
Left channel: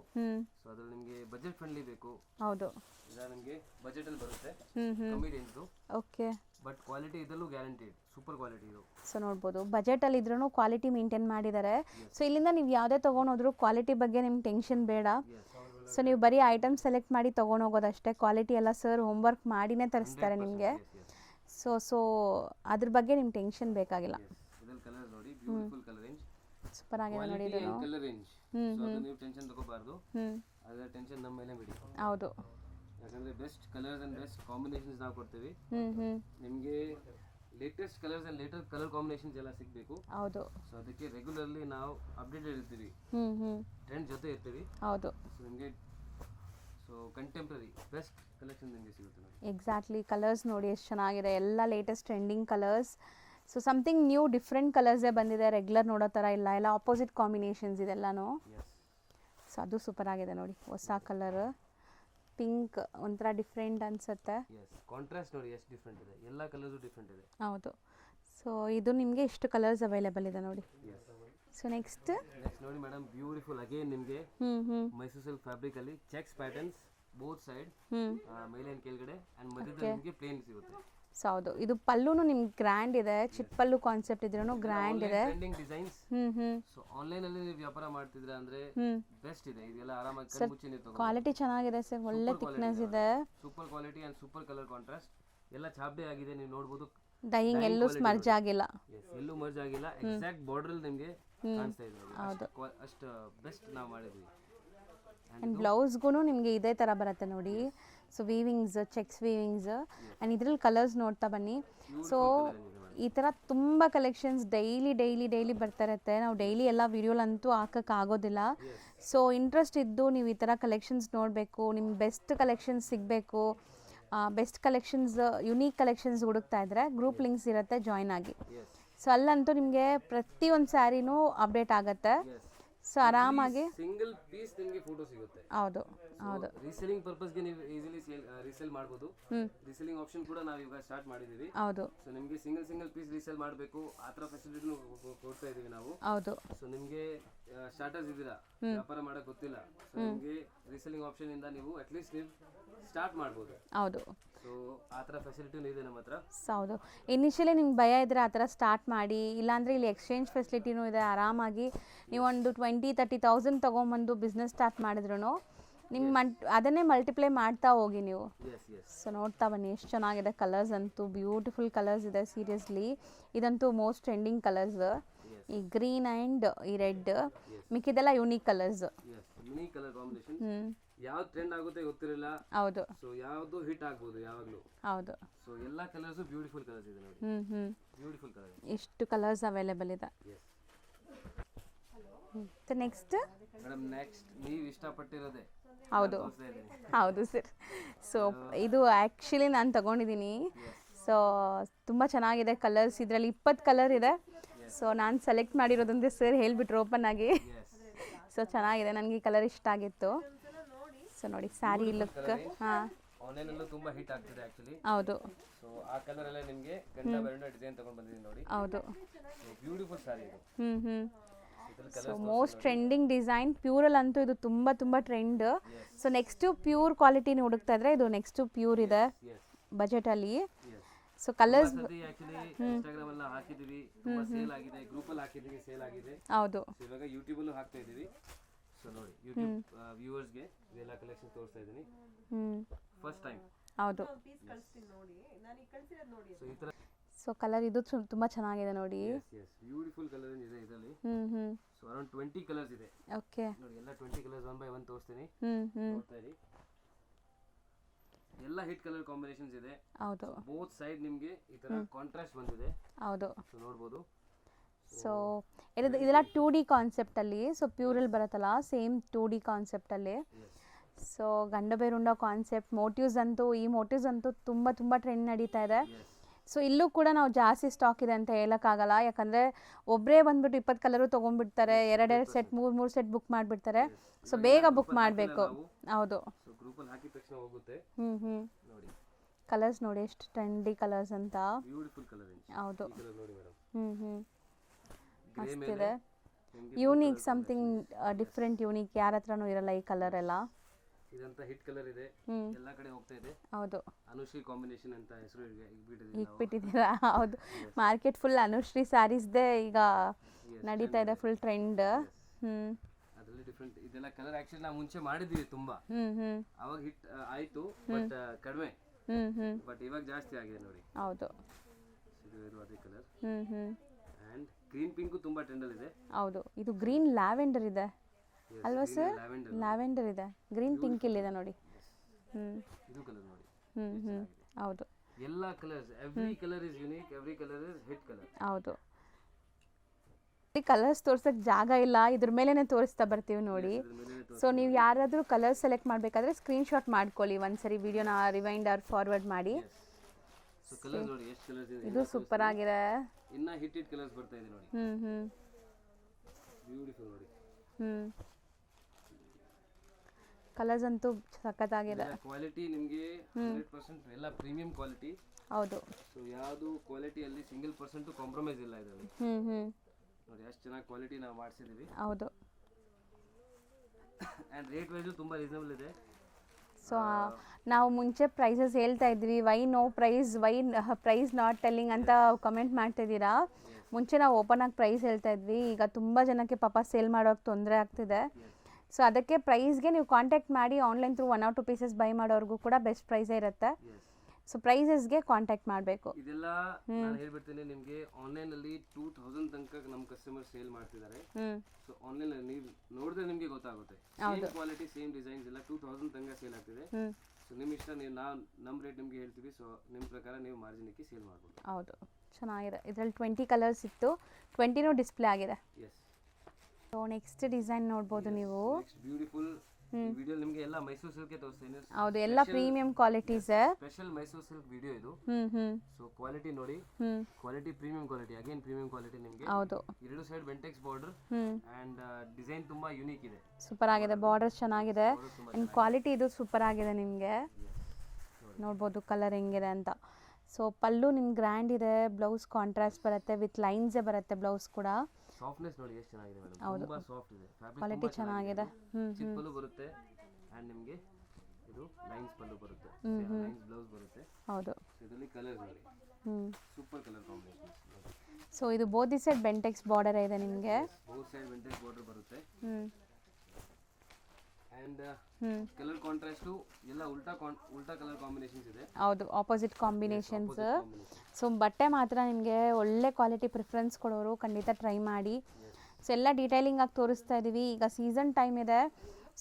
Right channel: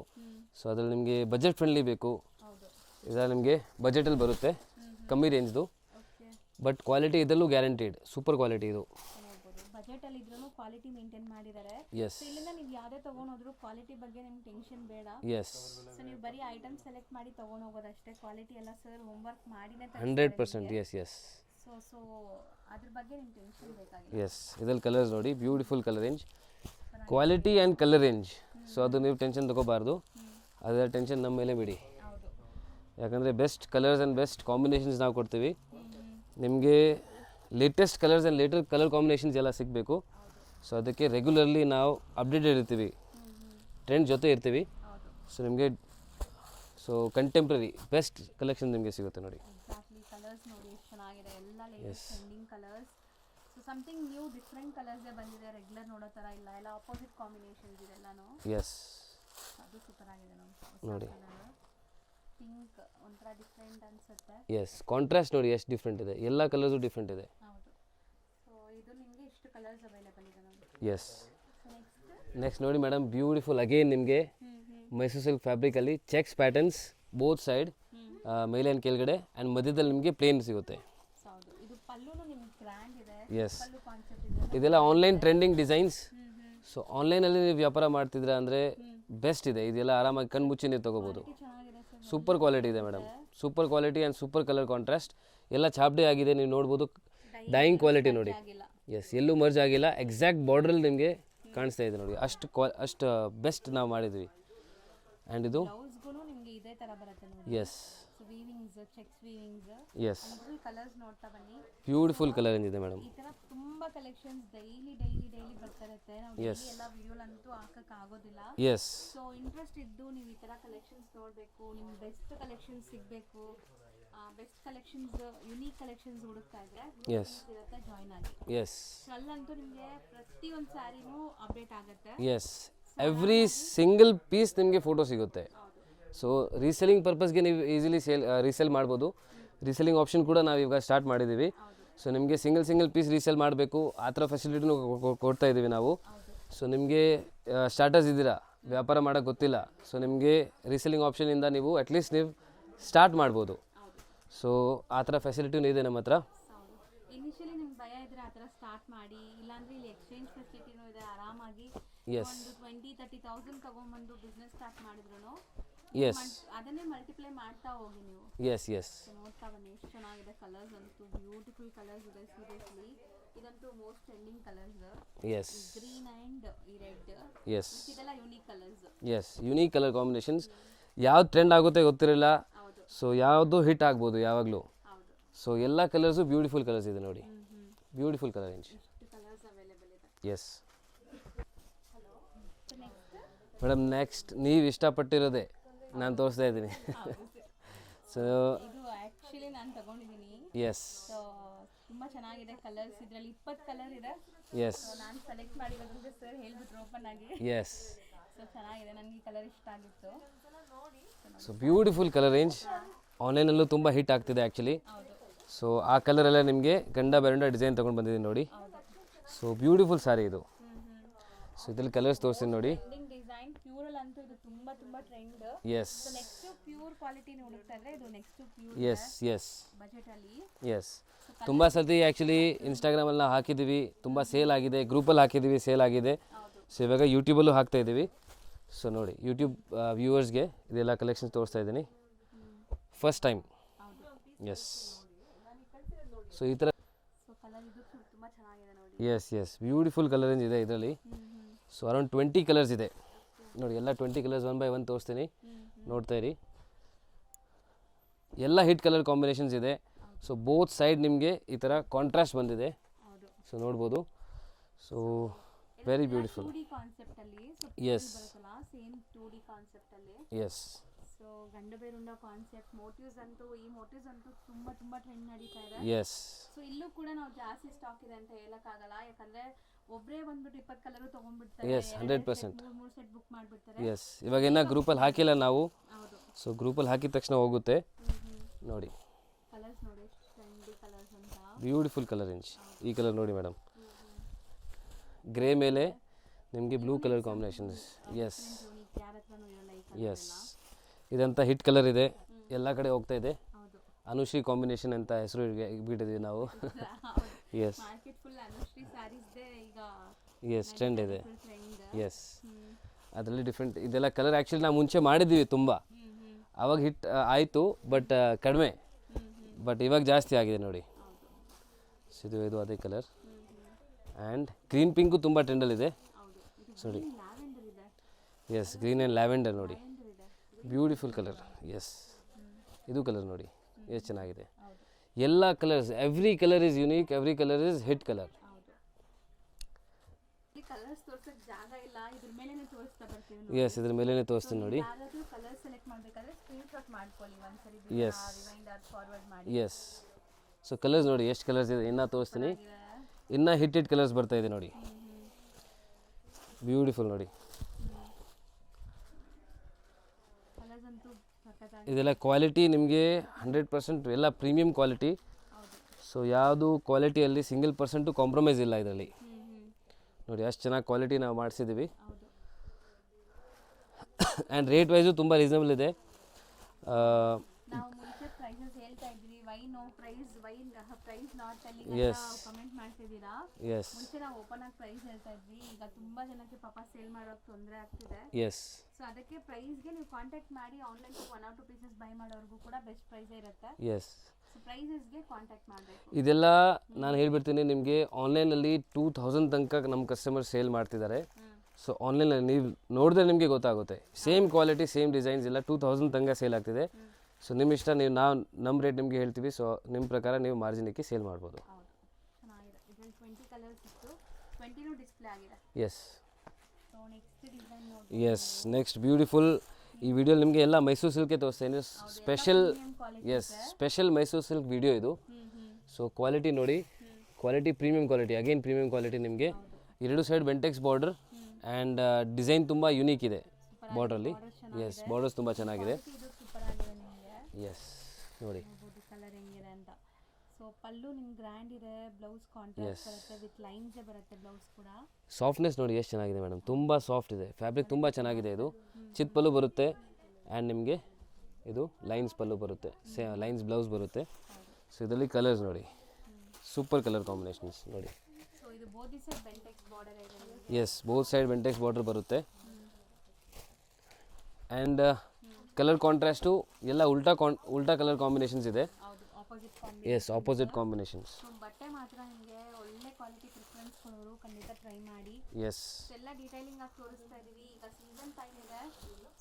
ಸೊ ಅದ್ರಲ್ಲಿ ನಿಮಗೆ ಬಜೆಟ್ ಫ್ರೆಂಡ್ಲಿ ಬೇಕು. ಹೌದು, ಇದರಲ್ಲಿ ನಿಮಗೆ ಬಜೆಟಲ್ಲಿ ಬರುತ್ತೆ, ಕಮ್ಮಿ ರೇಂಜ್ದು, ಓಕೆ. ಬಟ್ ಕ್ವಾಲಿಟಿ ಇದರಲ್ಲೂ ಗ್ಯಾರಂಟಿಡ್, ಸೂಪರ್ ಕ್ವಾಲಿಟಿ ಇದು. ಸೊ ನೋಡ್ಬೋದು ಬಜೆಟ್ ಅಲ್ಲಿ ಇದ್ರೂ ಕ್ವಾಲಿಟಿ ಮೇಂಟೈನ್ ಮಾಡಿದ್ದಾರೆ. ಎಸ್ ಸೊ ಇಲ್ಲಿಂದ ನೀವು ಯಾವುದೇ ತೊಗೊಂಡೋದ್ರೂ ಕ್ವಾಲಿಟಿ ಬಗ್ಗೆ ನಿಮ್ಗೆ ಟೆನ್ಷನ್ ಬೇಡ. ಎಸ್ ಸೊ ನೀವು ಬರೀ ಐಟಮ್ ಸೆಲೆಕ್ಟ್ ಮಾಡಿ ತೊಗೊಂಡೋಗೋದಷ್ಟೇ, ಕ್ವಾಲಿಟಿ ಎಲ್ಲ ಸರ್ ಹೋಮ್ವರ್ಕ್ ಮಾಡಿನೇ ತರಿಸ್ತಾರೆ 100%. ನಿಮಗೆ. ಎಸ್ ಎಸ್ ಸೊ ಅದ್ರ ಬಗ್ಗೆ ನಿಮ್ಗೆ ಟೆನ್ಷನ್ ಬೇಕಾಗಿಲ್ಲ. ಎಸ್ ಇದ್ರಲ್ಲಿ ಕಲರ್ಸ್ ನೋಡಿ, ಬ್ಯೂಟಿಫುಲ್ ಕಲರ್ ರೇಂಜ್, ಸೂಪರ್ ಆಗಿ. Quality and colour range. So ಅದು ನೀವು ಟೆನ್ಷನ್ ತಗೋಬಾರ್ದು, ಅದರ ಟೆನ್ಷನ್ ನಮ್ಮ ಮೇಲೆ ಬಿಡಿ. ಹೌದು, ಯಾಕಂದರೆ best colours and best combinations ನಾವು ಕೊಡ್ತೀವಿ ಹ್ಮ್ ನಿಮಗೆ. Latest colours and later colour combinations ಎಲ್ಲ ಸಿಗಬೇಕು. ಹೌದು, ಸೊ ಅದಕ್ಕೆ ರೆಗ್ಯುಲರ್ಲಿ ನಾವು ಅಪ್ಡೇಟೆಡ್ ಇರ್ತೀವಿ, ಟ್ರೆಂಡ್ ಜೊತೆ ಇರ್ತೀವಿ. ಹೌದು, ಸೊ ನಿಮಗೆ ಸೊ ಕಂಟೆಂಪ್ರರಿ ಬೆಸ್ಟ್ ಕಲೆಕ್ಷನ್ ನಿಮಗೆ ಸಿಗುತ್ತೆ ನೋಡಿ. ಎಕ್ಸಾಕ್ಟ್ಲಿ. ಕಲರ್ಸ್ ನೋಡಿ ಎಷ್ಟು ಚೆನ್ನಾಗಿದೆ, ಎಲ್ಲ latest trending colours. So something new different ಕಲರ್ಸೇ ಬಂದಿದೆ, ರೆಗ್ಯುಲರ್ ನೋಡೋ ಥರ ಇಲ್ಲ, ಎಲ್ಲ ಆಪೋಸಿಟ್ ಕಾಂಬಿನೇಷನ್ಸ್ ಇದೆಲ್ಲನೂ. ಎಸ್ ಸೊ ಅದು ಸೂಪರ್ ಆಗಿದೆ ನೋಡಿ, ಹೊಸ ಕಲರ್ ಪಿಂಕ್ ಒಂಥರ ಡಿಫ್ರೆಂಟ್ ಅನ್ಸುತ್ತೆ. ಎಸ್ ಕಾಂಟ್ರಾಸ್ಟ್ ನೋಡಿ ಎಷ್ಟು ಡಿಫ್ರೆಂಟ್ ಇದೆ, ಎಲ್ಲ ಕಲರ್ಸು ಡಿಫ್ರೆಂಟ್ ಇದೆ. ಹೌದು, ಸೊ ಇದು ನಿಮಗೆ ಇಷ್ಟು ಕಲರ್ಸ್ ಅವೈಲೇಬಲ್ ಇದೆ ನೋಡಿ. ಎಸ್ ಸೊ ನೆಕ್ಸ್ಟ್ ನೋಡಿ ಮೇಡಮ್, ಬ್ಯೂಟಿಫುಲ್ ಅಗೇನ್ ನಿಮಗೆ ಮೈಸೂರು ಸಿಲ್ಕ್ ಫ್ಯಾಬ್ರಿಕಲ್ಲಿ ಚೆಕ್ಸ್ ಪ್ಯಾಟರ್ನ್ಸ್ ಬೋತ್ ಸೈಡ್, ಮೇಲೆ ಆ್ಯಂಡ್ ಕೆಳಗಡೆ, ಆ್ಯಂಡ್ ಮಧ್ಯದಲ್ಲಿ ನಿಮಗೆ ಪ್ಲೇನ್ ಸಿಗುತ್ತೆ. ಸೊ ಹೌದು, ಇದು ಪಲ್ಲುನು ನಿಮ್ಗೆ ಗ್ರ್ಯಾಂಡ್ ಇದೆ, ಚಿಕ್ಕ ಪಲ್ಲು ಕಾನ್ಸೆಪ್ಟ್ ಇದ್ರೂ. ಇದೆಲ್ಲ ಆನ್ಲೈನ್ ಟ್ರೆಂಡಿಂಗ್ ಡಿಸೈನ್ಸ್. ಸೊ ಆನ್ಲೈನಲ್ಲಿ ನೀವು ವ್ಯಾಪಾರ ಮಾಡ್ತಿದ್ರ ಅಂದ್ರೆ ಬೆಸ್ಟ್ ಇದೆ, ಇದೆಲ್ಲ ಆರಾಮಾಗಿ ಕಣ್ಣು ಮುಚ್ಚಿ ನೀವು ತಗೋಬಹುದು. ಕ್ವಾಲಿಟಿ ಚೆನ್ನಾಗಿದೆ ಸರ್, ಸೂಪರ್ ಕ್ವಾಲಿಟಿ ಇದೆ madam, super quality and super colour contrast, ಎಲ್ಲ ಚಾಪ್ಡೆ ಆಗಿದೆ, ನೀವು ನೋಡ್ಬೋದು. ಡೈಯಿಂಗ್ ಕ್ವಾಲಿಟಿ ನೋಡಿ, ಆಗಿಲ್ಲ. ಎಸ್ ಎಲ್ಲೂ ಮರ್ಜ್ ಆಗಿಲ್ಲ, ಎಕ್ಸಾಕ್ಟ್ ಬಾರ್ಡ್ರಲ್ಲಿ ನಿಮಗೆ ಕಾಣಿಸ್ತಾ ಇದೆ ನೋಡಿ, ಅಷ್ಟು ಬೆಸ್ಟ್ ನಾವು ಮಾಡಿದ್ವಿ. ಆ್ಯಂಡ್ ಇದು ಬ್ಲೌಸ್ಗೂ ನಿಮಗೆ ಇದೇ ಥರ ಬರುತ್ತೆ ನೋಡಿ. So weavings, cheques weavings, and ಇದ್ರಲ್ಲಿ ಕಲರ್ಸ್ ನೋಡ್ತಾ ಬನ್ನಿ. ಬ್ಯೂಟಿಫುಲ್ ಕಲರ್ ಇದೆ ಮೇಡಮ್. ಈ ಥರ ತುಂಬ ಕಲೆಕ್ಷನ್ಸ್ ಡೈಲಿ ಬರ್ತಾ ಇರುತ್ತೆ. ನಾವು ಡೈಲಿ ಎಲ್ಲ ವಿಡಿಯೋಲಂತೂ ಹಾಕಕ್ಕೆ ಆಗೋದಿಲ್ಲ. ಎಸ್ ಸೊ ಇಂಟ್ರೆಸ್ಟ್ ಇದ್ದು ನೀವು ಈ ಥರ ಕಲೆಕ್ಷನ್ಸ್ ನೋಡಬೇಕು, ನಿಮ್ಗೆ ಬೆಸ್ಟ್ ಕಲೆಕ್ಷನ್ಸ್ ಸಿಗಬೇಕು, ಬೆಸ್ಟ್ ಕಲೆಕ್ಷನ್ಸ್, ಯುನೀಕ್ ಕಲೆಕ್ಷನ್ಸ್ ಹುಡುಕ್ತಾ ಇದ್ರೆ ಗ್ರೂಪ್ ಲಿಂಕ್ಸ್ ಇರುತ್ತೆ, ಜಾಯ್ನ್ ಆಗಿ. ಎಸ್ ಸೊ ಅಲ್ಲಂತೂ ನಿಮಗೆ ಪ್ರತಿಯೊಂದು ಸ್ಯಾರಿನೂ ಅಪ್ಡೇಟ್ ಆಗುತ್ತೆ. ಎಸ್ ಎವ್ರಿ ಸಿಂಗಲ್ ಪೀಸ್ ನಿಮಗೆ ಫೋಟೋ ಸಿಗುತ್ತೆ. ಹೌದು, ಸೊ ರೀಸೆಲಿಂಗ್ ಪರ್ಪಸ್ಗೆ ನೀವು ಈಸಿಲಿ ರೀಸೆಲ್ ಮಾಡ್ಬೋದು. ರೀಸೆಲಿಂಗ್ ಆಪ್ಷನ್ ಕೂಡ ನಾವು ಇವಾಗ ಸ್ಟಾರ್ಟ್ ಮಾಡಿದ್ದೀವಿ. ಹೌದು, ಸೊ ನಿಮಗೆ ಸಿಂಗಲ್ ಪೀಸ್ ರೀಸೆಲ್ ಮಾಡಬೇಕು ಆ ಥರ ಫೆಸಿಲಿಟಿನೂ ಕೊಡ್ತಾ ಇದ್ದೀವಿ ನಾವು. ಹೌದು. ಸೊ ನಿಮಗೆ ಸ್ಟಾರ್ಟರ್ಸ್ ಇದ್ದೀರಾ, ವ್ಯಾಪಾರ ಮಾಡೋಕ್ಕೆ ಗೊತ್ತಿಲ್ಲ, ಸೊ ನಿಮಗೆ ರೀಸೆಲಿಂಗ್ ಆಪ್ಷನಿಂದ ನೀವು ಅಟ್ಲೀಸ್ಟ್ ನೀವು ಸ್ಟಾರ್ಟ್ ಮಾಡ್ಬೋದು. ಹೌದು, ಸೊ ಆ ಥರ ಫೆಸಿಲಿಟಿನೂ ಇದೆ ನಮ್ಮ ಹತ್ರ. ಹೌದು. ಇನಿಷಿಯಲಿ ನಿಮ್ಗೆ ಭಯ ಇದ್ರೆ ಆ ಥರ ಸ್ಟಾರ್ಟ್ ಮಾಡಿ, ಇಲ್ಲಾಂದರೆ ಇಲ್ಲಿ ಎಕ್ಸ್ಚೇಂಜ್ ಫೆಸಿಲಿಟಿನೂ ಇದೆ. ಆರಾಮಾಗಿ ನೀವು ಒಂದು 20,000-30,000 ತೊಗೊಂಬಂದು ಬಿಸ್ನೆಸ್ ಸ್ಟಾರ್ಟ್ ಮಾಡಿದ್ರು ನೀವು ಅದನ್ನೇ ಮಲ್ಟಿಪ್ಲೈ ಮಾಡ್ತಾ ಹೋಗಿ ನೀವು. ಎಸ್ ಎಸ್ ಸೊ ನೋಡ್ತಾ ಬನ್ನಿ ಎಷ್ಟು ಚೆನ್ನಾಗಿದೆ. ಕಲರ್ಸ್ ಅಂತೂ ಬ್ಯೂಟಿಫುಲ್ ಕಲರ್ಸ್ ಇದೆ, ಸೀರಿಯಸ್ಲಿ ಇದಂತೂ ಮೋಸ್ಟ್ ಟ್ರೆಂಡಿಂಗ್ ಕಲರ್ಸ್. ಎಸ್ ಈ ಗ್ರೀನ್ ಆ್ಯಂಡ್ ಈ ರೆಡ್, ಎಸ್ ಮಿಕ್ಕಿದೆಲ್ಲ unique colours. Yes unique colour combinations, ಯಾವ್ದು ಟ್ರೆಂಡ್ ಆಗುತ್ತೆ ಗೊತ್ತಿರಲ್ಲ. ಹೌದು, ಸೊ ಯಾವುದು ಹಿಟ್ ಆಗ್ಬೋದು ಯಾವಾಗಲೂ. ಹೌದು. ಸೊ ಎಲ್ಲ ಕಲರ್ಸು ಬ್ಯೂಟಿಫುಲ್ ಕಲರ್ಸ್ ಇದೆ ನೋಡಿ, ಬ್ಯೂಟಿಫುಲ್ ಕಲರ್ ರೇಂಜ್. ಇಷ್ಟು ಕಲರ್ಸ್ ಅವೈಲೇಬಲ್ ಇದೆ. ಎಸ್ ನೆಕ್ಸ್ಟ್ ಮೇಡಮ್, ನೆಕ್ಸ್ಟ್ ನೀವು ಇಷ್ಟಪಟ್ಟಿರೋದೇ ನಾನು ತೋರಿಸ್ತಾ ಇದ್ದೀನಿ. ಹೌದು ಸರ್. ಸೊ ಇದು ಆ್ಯಕ್ಚುಲಿ ನಾನು ತಗೊಂಡಿದ್ದೀನಿ. ಎಸ್ ಸೊ ತುಂಬ ಚೆನ್ನಾಗಿದೆ ಕಲರ್ಸ್, ಇದರಲ್ಲಿ 20 ಕಲರ್ ಇದೆ. ಎಸ್ ಸೊ ನಾನು ಸೆಲೆಕ್ಟ್ ಮಾಡಿರೋದಂದ್ರೆ ಸರ್ ಹೇಳ್ಬಿಟ್ರು ಓಪನ್ ಆಗಿ. ಎಸ್ ಸೊ ಚೆನ್ನಾಗಿದೆ, ನನಗೆ ಈ ಕಲರ್ ಇಷ್ಟ ಆಗಿತ್ತು. ಸೊ ನೋಡಿ, ಬ್ಯೂಟಿಫುಲ್ ಕಲರ್ ರೇಂಜ್, ಆನ್ಲೈನಲ್ಲೂ ತುಂಬ ಹಿಟ್ ಆಗ್ತಿದೆ ಆ್ಯಕ್ಚುಲಿ. ಹೌದು. ಸೊ ಆ ಕಲರ್ ಎಲ್ಲ ನಿಮಗೆ ಗಂಡ ಬೆರಂಡ ಡಿಸೈನ್ ತೊಗೊಂಡು ಬಂದಿದ್ದೀನಿ ನೋಡಿ. ಹೌದು. ಸೊ ಬ್ಯೂಟಿಫುಲ್ ಸಾರಿ ಇದು. ಸೊ ಇದ್ರಲ್ಲಿ ಕಲರ್ಸ್ ತೋರಿಸ್ತೀನಿ ನೋಡಿ. ಟ್ರೆಂಡಿಂಗ್ ಡಿಸೈನ್, ಪ್ಯೂರಲ್ಲಿ ಅಂತೂ ಇದು ತುಂಬಾ trend. Yes so next pure ಕ್ವಾಲಿಟಿನ ಹುಡುಕ್ತಾ ಇದ್ರೆ ಇದು ನೆಕ್ಸ್ಟ್ ಪ್ಯೂರ್ ಇದೆ ಎಸ್ ಬಜೆಟ್ ಅಲ್ಲಿ. ಎಸ್ ಸೊ ಕಲರ್ ತುಂಬಾ ಸತಿ ಆಕ್ಚುಲಿ ಇನ್ಸ್ಟಾಗ್ರಾಮ್ ಅಲ್ಲಿ ಹಾಕಿದೀವಿ, ತುಂಬಾ ಸೇಲ್ ಆಗಿದೆ, ಗ್ರೂಪ್ ಅಲ್ಲಿ ಹಾಕಿದೀವಿ, ಸೇಲ್ ಆಗಿದೆ. ಹೌದು. ಸೊ ಇವಾಗ ಯೂಟ್ಯೂಬ್ ಅಲ್ಲೂ ಹಾಕ್ತಾ ಇದೀವಿ. ಸೊ ನೋಡಿ, ಯೂಟ್ಯೂಬ್ ವ್ಯೂವರ್ಸ್ಗೆ ಇದೆಲ್ಲ ಕಲೆಕ್ಷನ್ ತೋರಿಸ್ತಾ ಇದ್ದೀನಿ ಫಸ್ಟ್ ಟೈಮ್. ಹೌದು. ಎಸ್. ಸೊ ಈ ಥರ ಸೊ ಸೊ ಕಲರ್ ಇದು ತುಂಬಾ ಚೆನ್ನಾಗಿದೆ ನೋಡಿ. ಎಸ್ ಬ್ಯೂಟಿಫುಲ್ ಕಲರ್ ರೇಂಜ್ ಇದೆ ಇದರಲ್ಲಿ. ಸೊ ಅರೌಂಡ್ 20 ಕಲರ್ಸ್ ಇದೆ. ಓಕೆ ನೋಡಿ ಎಲ್ಲ 20 ಕಲರ್ಸ್ 1 by 1 ತೋರಿಸ್ತೀನಿ, ಹ್ಮ್ ನೋಡ್ತಾ ಇರಿ. ಎಲ್ಲ ಹಿಟ್ ಕಲರ್ ಕಾಂಬಿನೇಷನ್ಸ್ ಇದೆ. ಹೌದು. ಸೊ ಬೋತ್ ಸೈಡ್ ನಿಮಗೆ ಈ ತರ ಕಾಂಟ್ರಾಸ್ಟ್ ಬಂದಿದೆ. ಹೌದು. ಸೊ ನೋಡ್ಬೋದು. ಸೊ ಇದೆಲ್ಲ 2D ಕಾನ್ಸೆಪ್ಟ್ ಅಲ್ಲಿ, ಸೊ ಪ್ಯೂರಲ್ ಬರುತ್ತಲ್ಲ ಸೇಮ್ 2D ಕಾನ್ಸೆಪ್ಟ್ ಅಲ್ಲಿ. ಎಸ್. ಸೊ ಗಂಡಬೇರುಂಡ ಕಾನ್ಸೆಪ್ಟ್ ಮೋಟಿವ್ಸ್ ಅಂತೂ ತುಂಬಾ ಟ್ರೆಂಡ್ ನಡೀತಾ ಇದೆ. ಎಸ್. ಸೊ ಇಲ್ಲೂ ಕೂಡ ನಾವು ಜಾಸ್ತಿ ಸ್ಟಾಕ್ ಇದೆ ಅಂತ ಹೇಳಕ್ಕಾಗಲ್ಲ, ಯಾಕಂದ್ರೆ ಒಬ್ಬರೇ ಬಂದ್ಬಿಟ್ಟು 20 ಕಲರ್ ತಗೊಂಡ್ಬಿಡ್ತಾರೆ, ಎರಡೆರಡು ಸೆಟ್ 3 ಸೆಟ್ ಬುಕ್ ಮಾಡ್ಬಿಡ್ತಾರೆ. ಇವಾಗೆಲ್ಲ ಗ್ರೂಪ್ ಅಲ್ಲಿ ಹಾಕಿಲ್ಲ ನಾವು. ಹೌದು. ಸೊ ಗ್ರೂಪ್ ಅಲ್ಲಿ ಹಾಕಿದ ತಕ್ಷಣ ಹೋಗುತ್ತೆ. ನೋಡಿ ಕಲರ್ಸ್ ನೋಡಿ ಎಷ್ಟು ಟ್ರೆಂಡಿ ಕಲರ್ಸ್ ಅಂತ. Beautiful colour range. ಈ ಕಲರ್ ನೋಡಿ ಮೇಡಮ್, ಗ್ರೇ ಮೇಲೆ ನಿಮಗೆ blue colour combination. Different unique, ಯಾರ ಹತ್ರನೂ ಇರಲ್ಲ ಈ ಕಲರ್ ಎಲ್ಲ. ಇದಂತ ಹಿಟ್ ಕಲರ್ ಇದೆ, ಎಲ್ಲ ಕಡೆ ಹೋಗ್ತಾ ಇದೆ. ಹೌದು. ಅನುಶ್ರೀ ಕಾಂಬಿನೇಷನ್ ಅಂತ ಹೆಸರು ಬಿಟ್ಟಿದ್ದೀವಿ ನಾವು. ಹೌದು, ಮಾರ್ಕೆಟ್ ಫುಲ್ ಅನುಶ್ರೀ ಸ್ಯಾರೀಸ್ ದೇ ಈಗ ನಡೀತಾ ಇದೆ, ಫುಲ್ ಟ್ರೆಂಡ್. ಅದರಲ್ಲಿ ಡಿಫ್ರೆಂಟ್ ಇದೆಲ್ಲ ಕಲರ್ ಆಕ್ಚುಲಿ ನಾವು ಮುಂಚೆ ಮಾಡಿದ್ದೀವಿ ತುಂಬಾ, ಅವಾಗ ಹಿಟ್ ಆಯ್ತು ಬಟ್ ಕಡಿಮೆ, ಬಟ್ ಇವಾಗ ಜಾಸ್ತಿ ಆಗಿದೆ ನೋಡಿ. ಹೌದು. ಇದು ಅದೇ ಕಲರ್. ಅಂಡ್ ಗ್ರೀನ್ ಪಿಂಕು ತುಂಬಾ ಟ್ರೆಂಡ್ ಅಲ್ಲಿ ಇದೆ. ಹೌದು, ಇದು ಗ್ರೀನ್ ಲ್ಯಾವೆಂಡರ್ ಇದೆ. ಎಸ್, ಗ್ರೀನ್ ಅಂಡ್ ಲ್ಯಾವೆಂಡರ್ ನೋಡಿ. ಲ್ಯಾವೆಂಡರ್ ಇದೆ, ಗ್ರೀನ್ ಬ್ಯೂಟಿಫುಲ್ ಪಿಂಕ್ ಇದೆ ಕಲರ್. ನೋಡಿ. ಎಸ್, ಇದು ಕಲರ್ ನೋಡಿ ಎಷ್ಟು ಚೆನ್ನಾಗಿದೆ. ಹೌದು. ಎಲ್ಲ colours, every colour is unique, every colour is hit colour. ಹೌದು. ಈ ಕಲರ್ಸ್ ತೋರ್ಸಕ್ ಜಾಗ ಇಲ್ಲ, ಇದ್ರ ಮೇಲೆನೆ ತೋರಿಸ್ತಾ ಬರ್ತೀವಿ ನೋಡಿ. ಎಸ್, ಇದ್ರ ಮೇಲೆನೆ ಸೊ ತೋರಿಸ್ತೀನಿ. ನೀವು ಯಾರಾದ್ರೂ ಕಲರ್ ಸೆಲೆಕ್ಟ್ ಮಾಡ್ಬೇಕಾದ್ರೆ ಸ್ಕ್ರೀನ್ ಶಾಟ್ ಮಾಡ್ಕೊಳ್ಳಿ, ಒಂದ್ಸರಿ ವಿಡಿಯೋನ ರಿವೈಂಡರ್ ಫಾರ್ವರ್ಡ್ ಮಾಡಿ. ಎಸ್. ಸೊ ಕಲರ್ಸ್ ನೋಡಿ ಎಷ್ಟು ಕಲರ್ಸ್ ಇದೆ, ಇನ್ನ ಸೂಪರ್ ತೋರಿಸ್ತೀನಿ. ಆಗಿದೆ. ಇನ್ನ ಹಿಟ್ ಕಲರ್ಸ್ ಬರ್ತಾ ಇದೆ ನೋಡಿ. ಬ್ಯೂಟಿಫುಲ್ ನೋಡಿ. ಕಲರ್ಸ್ ಅಂತೂ ಸಖತ್ತಾಗಿದೆ. ಇದೆಲ್ಲ ಕ್ವಾಲಿಟಿ ನಿಮಗೆ 100% ಎಲ್ಲ ಪ್ರೀಮಿಯಂ ಕ್ವಾಲಿಟಿ. ಹೌದು. ಸೊ ಯಾವುದು ಕ್ವಾಲಿಟಿಯಲ್ಲಿ ಸಿಂಗಲ್% ಕಾಂಪ್ರಮೈಸ್ ಇಲ್ಲ ಇದರಲ್ಲಿ. ನೋಡಿ ಅಷ್ಟು ಚೆನ್ನಾಗಿ ಕ್ವಾಲಿಟಿ ನಾವು ಮಾಡಿಸಿದ್ದೀವಿ. ಹೌದು. ಆ್ಯಂಡ್ ರೇಟ್ ವೈಸು ತುಂಬ ರೀಸನಬಲ್ ಇದೆ. ನಾವು ಮುಂಚೆ ಪ್ರೈಸಸ್ ಹೇಳ್ತಾ ಇದ್ವಿ, ವೈ ಪ್ರೈಸ್ ನಾಟ್ ಟೆಲ್ಲಿಂಗ್ ಅಂತ ಕಮೆಂಟ್ ಮಾಡ್ತಿದ್ದೀರಾ. ಮುಂಚೆ ನಾವು ಓಪನ್ ಆಗಿ ಪ್ರೈಸ್ ಹೇಳ್ತಾ ಇದ್ವಿ, ಈಗ ತುಂಬಾ ಜನಕ್ಕೆ ಪಾಪ ಸೇಲ್ ಮಾಡೋಕೆ ತೊಂದರೆ ಆಗ್ತಿದೆ. ಸೊ ಅದಕ್ಕೆ ಪ್ರೈಸ್ಗೆ ನೀವು ಕಾಂಟ್ಯಾಕ್ಟ್ ಮಾಡಿ, online through 1 or 2 pieces buy ಮಾಡೋರ್ಗೂ ಕೂಡ ಬೆಸ್ಟ್ ಪ್ರೈಸೇ ಇರುತ್ತೆ. ಸೊ ಪ್ರೈಸಸ್ಗೆ ಕಾಂಟ್ಯಾಕ್ಟ್ ಮಾಡಬೇಕು. ಇದೆಲ್ಲ ನಾನು ಹೇಳ್ಬಿಡ್ತೀನಿ ನಿಮಗೆ, ಆನ್ಲೈನಲ್ಲಿ 2000 ತನಕ ನಮ್ಮ ಕಸ್ಟಮರ್ ಸೇಲ್ ಮಾಡ್ತಿದ್ದಾರೆ. ಸೊ ಆನ್ಲೈನಲ್ಲಿ ನೀವು ನೋಡಿದ್ರೆ ನಿಮಗೆ ಗೊತ್ತಾಗುತ್ತೆ, ಸೇಮ್ ಕ್ವಾಲಿಟಿ ಸೇಮ್ ಡಿಸೈನ್ಸ್ ಎಲ್ಲ 2000 ತನಕ ಸೇಲ್ ಆಗ್ತಿದೆ. ಸೊ ನಿಮ್ಮ ಇಷ್ಟ, ನಾವು ನಮ್ಮ ರೇಟ್ ನಿಮಗೆ ಹೇಳ್ತೀವಿ. ಸೊ ನಿಮ್ಮ ಪ್ರಕಾರ ನೀವು ಮಾರ್ಜಿನ್ ಇಕ್ಕಿ ಸೇಲ್ ಮಾಡ್ಬೋದು. ಹೌದು, ಚೆನ್ನಾಗಿದೆ. ಇದರಲ್ಲಿ 20 ಕಲರ್ಸ್ ಇತ್ತು, 20ನೂ ಡಿಸ್ಪ್ಲೇ ಆಗಿದೆ. ಎಸ್. ಸೊ ನೆಕ್ಸ್ಟ್ ಡಿಸೈನ್ ನೋಡ್ಬೋದು ನೀವು. Next beautiful. ಈ ವಿಡಿಯೋ ನಿಮಗೆ ಎಲ್ಲ ಮೈಸೂರು ಸಿಲ್ಕ್ ತೋರಿಸ್ತೇನೆ. ಸ್ಪೆಷಲ್ ಮೈಸೂರು ಸಿಲ್ಕ್ ವಿಡಿಯೋ ಇದು. ಸೊ ಕ್ವಾಲಿಟಿ ನೋಡಿ, quality premium quality, again premium quality ನಿಮಗೆ. ಎರಡು side Bentex border and design ತುಂಬಾ ಯುನೀಕ್ ಇದೆ. ಸೂಪರ್ ಆಗಿದೆ, ಬಾರ್ಡರ್ಸ್ ಚೆನ್ನಾಗಿದೆ, ಬಾರ್ಡರ್ಸ್ ತುಂಬಾ ಚೆನ್ನಾಗಿದೆ, ಕ್ವಾಲಿಟಿ ಇದು ಸೂಪರ್ ಆಗಿದೆ ನಿಮಗೆ. ಎಸ್, ನೋಡಿ ನೋಡಬಹುದು ಕಲರ್ ಹೆಂಗಿದೆ ಅಂತ. ಸೊ ಪಲ್ಲು ನಿಮ್ಗೆ ಗ್ರ್ಯಾಂಡ್ ಇದೆ, ಬ್ಲೌಸ್ ಕಾಂಟ್ರಾಸ್ಟ್ ಬರುತ್ತೆ, ವಿತ್ ಲೈನ್ಸ್ ಬರುತ್ತೆ ಬ್ಲೌಸ್ ಕೂಡ. ಸಾಫ್ಟ್ನೆಸ್ ನೋಡಿ ಎಷ್ಟು ಚೆನ್ನಾಗಿದೆ ಮೇಡಮ್, ತುಂಬಾ ಸಾಫ್ಟ್ ಇದೆ, ಫ್ಯಾಬ್ರಿಕ್ ತುಂಬಾ ಚೆನ್ನಾಗಿದೆ. ಇದು ಚಿತ್ ಪಲ್ಲು ಬರುತ್ತೆ ಅಂಡ್ ನಿಮಗೆ ಇದು ಲೈನ್ಸ್ ಪಲ್ಲು ಬರುತ್ತೆ, ಲೈನ್ಸ್ ಬ್ಲೌಸ್ ಬರುತ್ತೆ. ಹೌದು. ಸೊ ಇದರಲ್ಲಿ ಕಲರ್ಸ್ ನೋಡಿ, ಸೂಪರ್ ಕಲರ್ ಕಾಂಬಿನೇಷನ್ಸ್ ನೋಡಿ. ಸೊ ಇದು ಬೋತ್ ಸೈಡ್ ಬೆಂಟೆಕ್ಸ್ ಬಾರ್ಡರ್ ಇದೆ ನಿಮಗೆ. Yes, both side Bentex border ಬರುತ್ತೆ. ಅಂಡ್ ಕಲರ್ ಕಾಂಟ್ರಾಸ್ಟು ಎಲ್ಲ ಉಲ್ಟಾ ಕಲರ್ ಕಾಂಬಿನೇಷನ್ಸ್ ಇದೆ. ಹೌದು, ಆಪೋಸಿಟ್ ಕಾಂಬಿನೇಷನ್ಸ್. ಸೊ ಬಟ್ಟೆ ಮಾತ್ರ ನಿಮಗೆ ಒಳ್ಳೆ ಕ್ವಾಲಿಟಿ ಪ್ರಿಫರೆನ್ಸ್ ಕೊಡೋರು ಖಂಡಿತ ಟ್ರೈ ಮಾಡಿ. ಸೊ ಎಲ್ಲ ಡೀಟೈಲಿಂಗ್ ಆಗಿ ತೋರಿಸ್ತಾ ಇದೀವಿ. ಈಗ ಸೀಸನ್ ಟೈಮ್ ಇದೆ,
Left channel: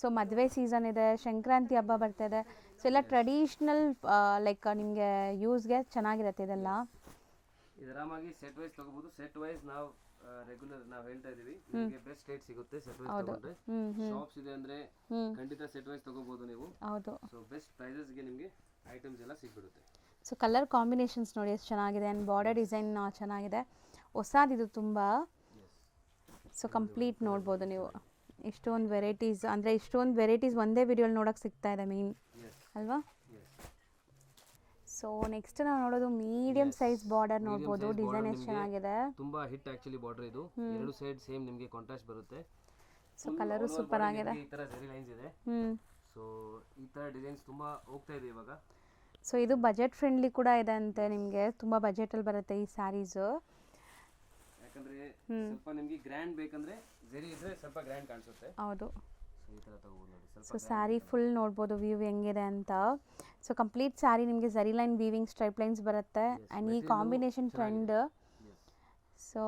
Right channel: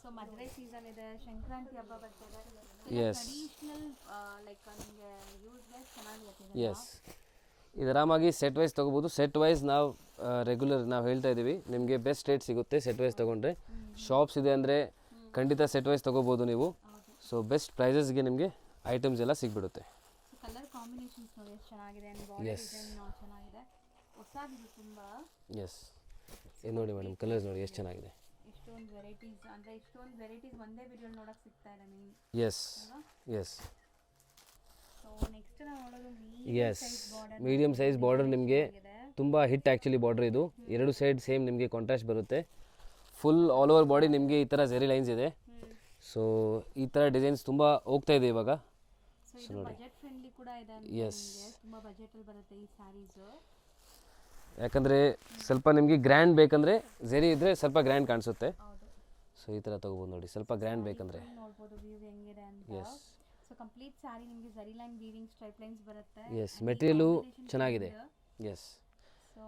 ಸೊ ಮದುವೆ ಸೀಸನ್ ಇದೆ, ಸಂಕ್ರಾಂತಿ ಹಬ್ಬ ಬರ್ತಾ ಇದೆ. ಸೊ ಎಲ್ಲ ಟ್ರೆಡಿಷನಲ್ ಲೈಕ್ ನಿಮಗೆ ಯೂಸ್ಗೆ ಚೆನ್ನಾಗಿರುತ್ತೆ ಇದೆಲ್ಲ. ಇದು ಆರಾಮಾಗಿ ಸೆಟ್ ವೈಸ್ ತಗೋಬಹುದು. ಸೆಟ್ ವೈಸ್ ನಾವು ರೆಗ್ಯುಲರ್ ನಾವು ಹೇಳ್ತಾ ಇದೀವಿ, ನಿಮಗೆ ಬೆಸ್ಟ್ ರೇಟ್ ಸಿಗುತ್ತೆ ಸೆಟ್ ವೈಸ್ ತಗೊಂಡ್ರೆ. ಶಾಪ್ಸ್ ಇದೆ ಅಂದ್ರೆ ಖಂಡಿತ ಸೆಟ್ ವೈಸ್ ತಗೋಬಹುದು ನೀವು. ಸೊ ಬೆಸ್ಟ್ ಪ್ರೈಸಸ್ಗೆ ನಿಮಗೆ ಐಟಮ್ಸ್ ಎಲ್ಲ ಸಿಗ್ಬಿಡುತ್ತೆ. ಸೊ ಕಲರ್ ಕಾಂಬಿನೇಷನ್ಸ್ ನೋಡಿ ಎಷ್ಟು ಚೆನ್ನಾಗಿದೆ, ಅಂಡ್ ಬಾರ್ಡರ್ ಡಿಸೈನ್ ಚೆನ್ನಾಗಿದೆ, ಹೊಸದಿದು ತುಂಬಾ. ಸೊ ಕಂಪ್ಲೀಟ್ ನೋಡ್ಬೋದು ನೀವು. ಇಷ್ಟೊಂದು ವೆರೈಟೀಸ್, ಅಂದ್ರೆ ಇಷ್ಟೊಂದು ವೆರೈಟೀಸ್ ಒಂದೇ ವಿಡಿಯೋಲಿ ನೋಡಕ್ ಸಿಗ್ತಾ ಇದೆ ಮೇನ್ ಅಲ್ವಾ. ಸೊ ನೆಕ್ಸ್ಟ್ ನಾವು ನೋಡೋದು medium size border. Medium size border ನಿಮಗೆ ತುಂಬಾ ಹಿಟ್ ಆಕ್ಚುಲಿ ಬಾರ್ಡರ್ ಇದು. ಎರಡು ಸೈಡ್ ಸೇಮ್ ನಿಮಗೆ ಕಾಂಟ್ರಾಸ್ಟ್ ಬರುತ್ತೆ. ಫುಲ್ ಆಲ್ ಓವರ್ ಬಾಡಿ ನಿಮಗೆ ಈ ತರ ಜೆರಿ ಲೈನ್ಸ್ ಇದೆ. ಸೊ ಈ ತರ ಡಿಸೈನ್ಸ್ ತುಂಬಾ ಹೋಗ್ತಾ ಇದೆ ಇವಾಗ. ಸೊ ಇದು ಬಜೆಟ್ ಫ್ರೆಂಡ್ಲಿ ಕೂಡ ಇದೆ ಅಂತ, ನಿಮಗೆ ತುಂಬಾ ಬಜೆಟ್ ಅಲ್ಲಿ ಬರುತ್ತೆ ಈ ಸ್ಯಾರೀಸ್. ಯಾಕಂದ್ರೆ ಸ್ವಲ್ಪ ನಿಮಗೆ ಗ್ರ್ಯಾಂಡ್ ಬೇಕಂದ್ರೆ ಜೆರಿ ಇದ್ರೆ ಸ್ವಲ್ಪ ಗ್ರ್ಯಾಂಡ್ ಕಾಣಿಸುತ್ತೆ. ಹೌದು. ಸೊ ಈ ತರ ತಗೋಬಹುದು ನೋಡಿ, ಸ್ವಲ್ಪ ಗ್ರ್ಯಾಂಡ್ ಸ್ಯಾರಿ ಫುಲ್ ನೋಡಬಹುದು ವ್ಯೂ ಹೆಂಗಿದೆ ಅಂತ. ಸೊ ಕಂಪ್ಲೀಟ್ ಸ್ಯಾರಿ ನಿಮಗೆ ಝರಿ ಲೈನ್ ವೀವಿಂಗ್ ಸ್ಟ್ರೈಪ್ ಲೈನ್ಸ್ ಬರುತ್ತೆ Yes, ಅಂಡ್ ಈ material ಕಾಂಬಿನೇಷನ್ ಚೆನ್ನಾಗಿದೆ. ಟ್ರೆಂಡ್ ಎಸ್ ಸೊ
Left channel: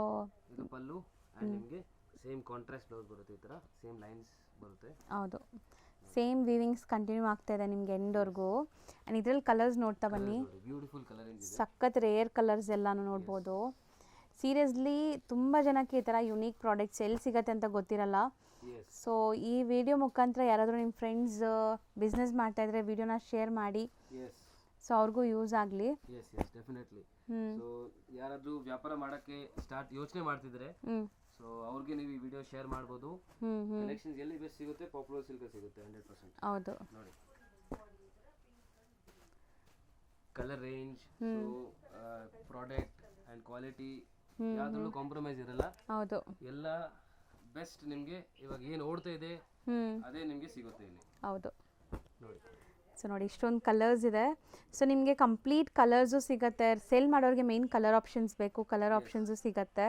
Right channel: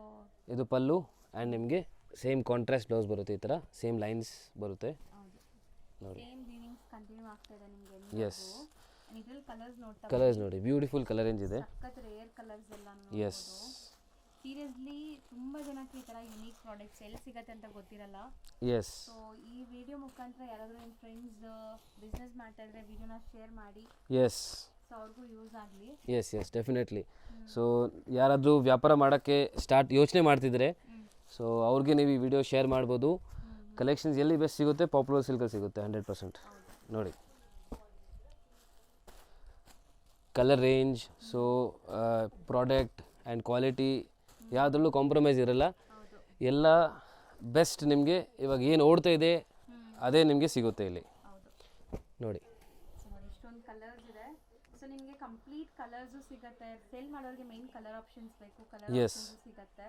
ಇದು ಪಲ್ಲು ಆ್ಯಂಡ್ ನಿಮಗೆ ಸೇಮ್ ಕಾಂಟ್ರಾಸ್ಟ್ ಬ್ಲೌಸ್ ಬರುತ್ತೆ ಈ ಥರ ಸೇಮ್ ಲೈನ್ಸ್ ಬರುತ್ತೆ. ಹೌದು ಸೇಮ್ ವೀವಿಂಗ್ಸ್ ಕಂಟಿನ್ಯೂ ಆಗ್ತಾ ಇದೆ ನಿಮಗೆ ಎಂಡ್ವರೆಗೂ ಅಂಡ್ ಇದ್ರಲ್ಲಿ ಕಲರ್ಸ್ ನೋಡ್ತಾ ಕಲರ್ಸ್ ಬನ್ನಿ ನೋಡಿ ಬ್ಯೂಟಿಫುಲ್ ಕಲರ್ ರೇಂಜ್ ಇದೆ. ಸಖತ್ ರೇರ್ ಕಲರ್ಸ್ ಎಲ್ಲಾನು ನೋಡ್ಬೋದು. ಸೀರಿಯಸ್ಲಿ ತುಂಬ ಜನಕ್ಕೆ ಈ ಥರ ಯುನೀಕ್ ಪ್ರಾಡಕ್ಟ್ಸ್ ಎಲ್ಲಿ ಸಿಗತ್ತೆ ಅಂತ ಗೊತ್ತಿರಲ್ಲ. ಎಸ್ ಸೊ ಈ ವಿಡಿಯೋ ಮುಖಾಂತರ ಯಾರಾದರೂ ನಿಮ್ಮ ಫ್ರೆಂಡ್ಸ್ ಬಿಸ್ನೆಸ್ ಮಾಡ್ತಾ ಇದ್ರೆ ವಿಡಿಯೋನ ಶೇರ್ ಮಾಡಿ ಎಸ್ ಸೊ ಅವ್ರಿಗೂ ಯೂಸ್ ಆಗಲಿ. Yes yes definitely. ಸೊ ಯಾರಾದರೂ ವ್ಯಾಪಾರ ಮಾಡೋಕ್ಕೆ ಯೋಚನೆ ಮಾಡ್ತಿದ್ರೆ ಸೊ ಅವ್ರಿಗೆ ನೀವು ಈ ವಿಡಿಯೋ ಶೇರ್ ಮಾಡ್ಬೋದು. ಕಲೆಕ್ಷನ್ಸ್ ಎಲ್ಲಿ ಬೆಸ್ಟ್ ಸಿಗುತ್ತೆ, ಪಾಪ್ಯುಲರ್ ಸಿಲ್ಕಲ್ಲಿ ಸಿಗುತ್ತೆ 100%. ಹೌದು ನೋಡಿ colour range, so product and quality ಯಾವುದ್ರಲ್ಲೂ ಕಾಂಪ್ರಮೈಸ್ ಇರಲ್ಲ. ಹೌದು ಎಲ್ಲ ಬೆಸ್ಟ್ ನಿಮಗೆ ಇವಾಗ ಏನು ಓಡ್ತಾ ಇದೆ ಅದೇ ನಿಮಗೆ ಸಿಗುತ್ತೆ ಇಲ್ಲಿ. ಹೌದು ನೋಡಿ ಸೊ ನೋಡಿ ಇಷ್ಟೊಂದು ಕಲರ್ಸ್ ಇದೆ. ಸೊ ನಿಮಗೆ ಕಂಪ್ಲೀಟ್ ಕಲರ್ಸು ಸಿಗುತ್ತೆ. ಸೇಲ್ ಮಾಡೋರಿಗೆ ಮೇನ್ ಕಲರ್ ಆಪ್ಷನ್ಸ್ ಬೇಕು, ಕಲರ್ ಆಪ್ಷನ್ಸು ಸಿಗುತ್ತೆ.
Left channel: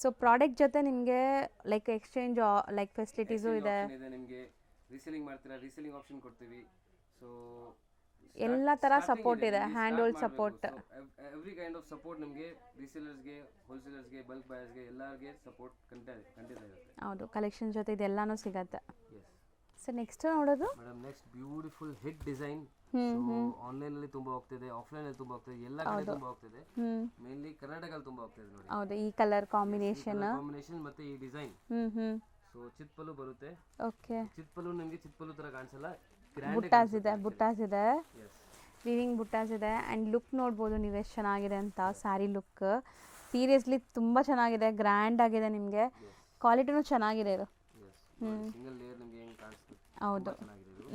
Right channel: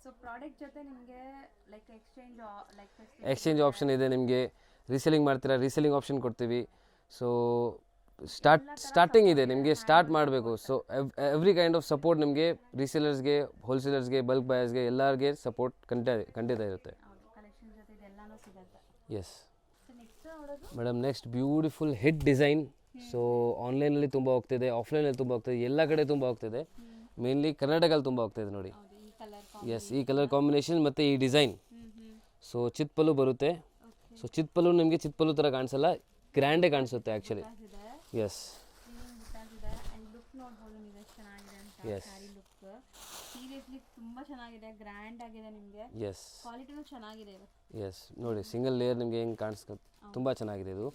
ಸೊ ಪ್ರಾಡಕ್ಟ್ ಜೊತೆ ನಿಮಗೆ ಲೈಕ್ ಎಕ್ಸ್ಚೇಂಜ್ ಎಕ್ಸ್ಚೇಂಜ್ ಆಪ್ಷನ್ ಇದೆ. ನಿಮಗೆ ರೀಸೆಲಿಂಗ್ ಮಾಡ್ತೀರಾ, ರೀಸೆಲಿಂಗ್ ಆಪ್ಷನ್ ಕೊಡ್ತೀವಿ. ಸೊ ಸ್ಟಾರ್ಟಿಂಗ್ ಇದೆ ನಿಮಗೆ, ಸ್ಟಾರ್ಟ್ ಮಾಡಬೇಕು. So every kind of support ನಿಮಗೆ ರೀಸೇಲರ್ಸ್ಗೆ, ಹೋಲ್ಸೇಲರ್ಸ್ಗೆ, ಬಲ್ಕ್ ಬಯರ್ಸ್ಗೆ ಎಲ್ಲರಿಗೆ ಸಪೋರ್ಟ್ ಖಂಡಿತ ಇರುತ್ತೆ. ಹೌದು ಕಲೆಕ್ಷನ್ ಜೊತೆ ಇದೆಲ್ಲಾನು ಸಿಗುತ್ತೆ. ಎಸ್ ಸೊ ನೆಕ್ಸ್ಟ್ ನೋಡೋದು madam, next beautiful hit design. So ಆನ್ಲೈನಲ್ಲಿ ತುಂಬ ಹೋಗ್ತಿದೆ, ಆಫ್ಲೈನಲ್ಲಿ ತುಂಬ ಹೋಗ್ತಿದೆ, ಎಲ್ಲ ಕಡೆ ತುಂಬ ಹೋಗ್ತಿದೆ. ಮೇನ್ಲಿ ಕರ್ನಾಟಕದಲ್ಲಿ ತುಂಬ ಹೋಗ್ತಿದೆ ನೋಡಿ. ಹೌದು ಈ ಕಲರ್ ಎಸ್ ಕಾಂಬಿನೇಷನ್. ಈ ಕಲರ್ ಕಾಂಬಿನೇಷನ್ ಮತ್ತೆ ಈ ಡಿಸೈನ್. ಸೊ ಚಿತ್ಪಲ್ಲು ಬರುತ್ತೆ. ಓಕೆ ಸೊ ಚಿತ್ಪಲ್ಲು ನಿಮಗೆ ಚಿತ್ಪಲ್ಲು ಥರ ಕಾಣಿಸಲ್ಲ, ಗ್ರ್ಯಾಂಡೇ ಕಾಣಿಸುತ್ತೆ ಆ್ಯಕ್ಚುಲಿ. ಬುಟ್ಟಾಸ್ ಇದೆ, ಎಸ್ ವೀವಿಂಗ್ ಬುಟ್ಟಾಸ್ ಇದೆ ಆ್ಯಂಡ್ ಲುಕ್ ನೋಡ್ಬೋದು ನೀವು ಎಷ್ಟು ಚೆನ್ನಾಗಿದೆ ಅಂತ. ಸ್ಯಾರಿ ಲುಕ್ ಸೀರಿಯಸ್ಲಿ ತುಂಬ ಚೆನ್ನಾಗಿದೆ, ಗ್ರ್ಯಾಂಡ್ ಆಗಿದೆ. ನಿಮಗೆ ಎಸ್ ಕ್ವಾಲಿಟಿನೂ ಚೆನ್ನಾಗಿದೆ ಇದು. ಎಸ್ ನೋಡಿ ಸಿಂಗಲ್ ಲೇಯರ್ ನಿಮಗೆ ಹೆಂಗೆ ಕಾಣಿಸ್ಕೊ ತುಂಬ ಚೆನ್ನಾಗಿದೆ ಇದು.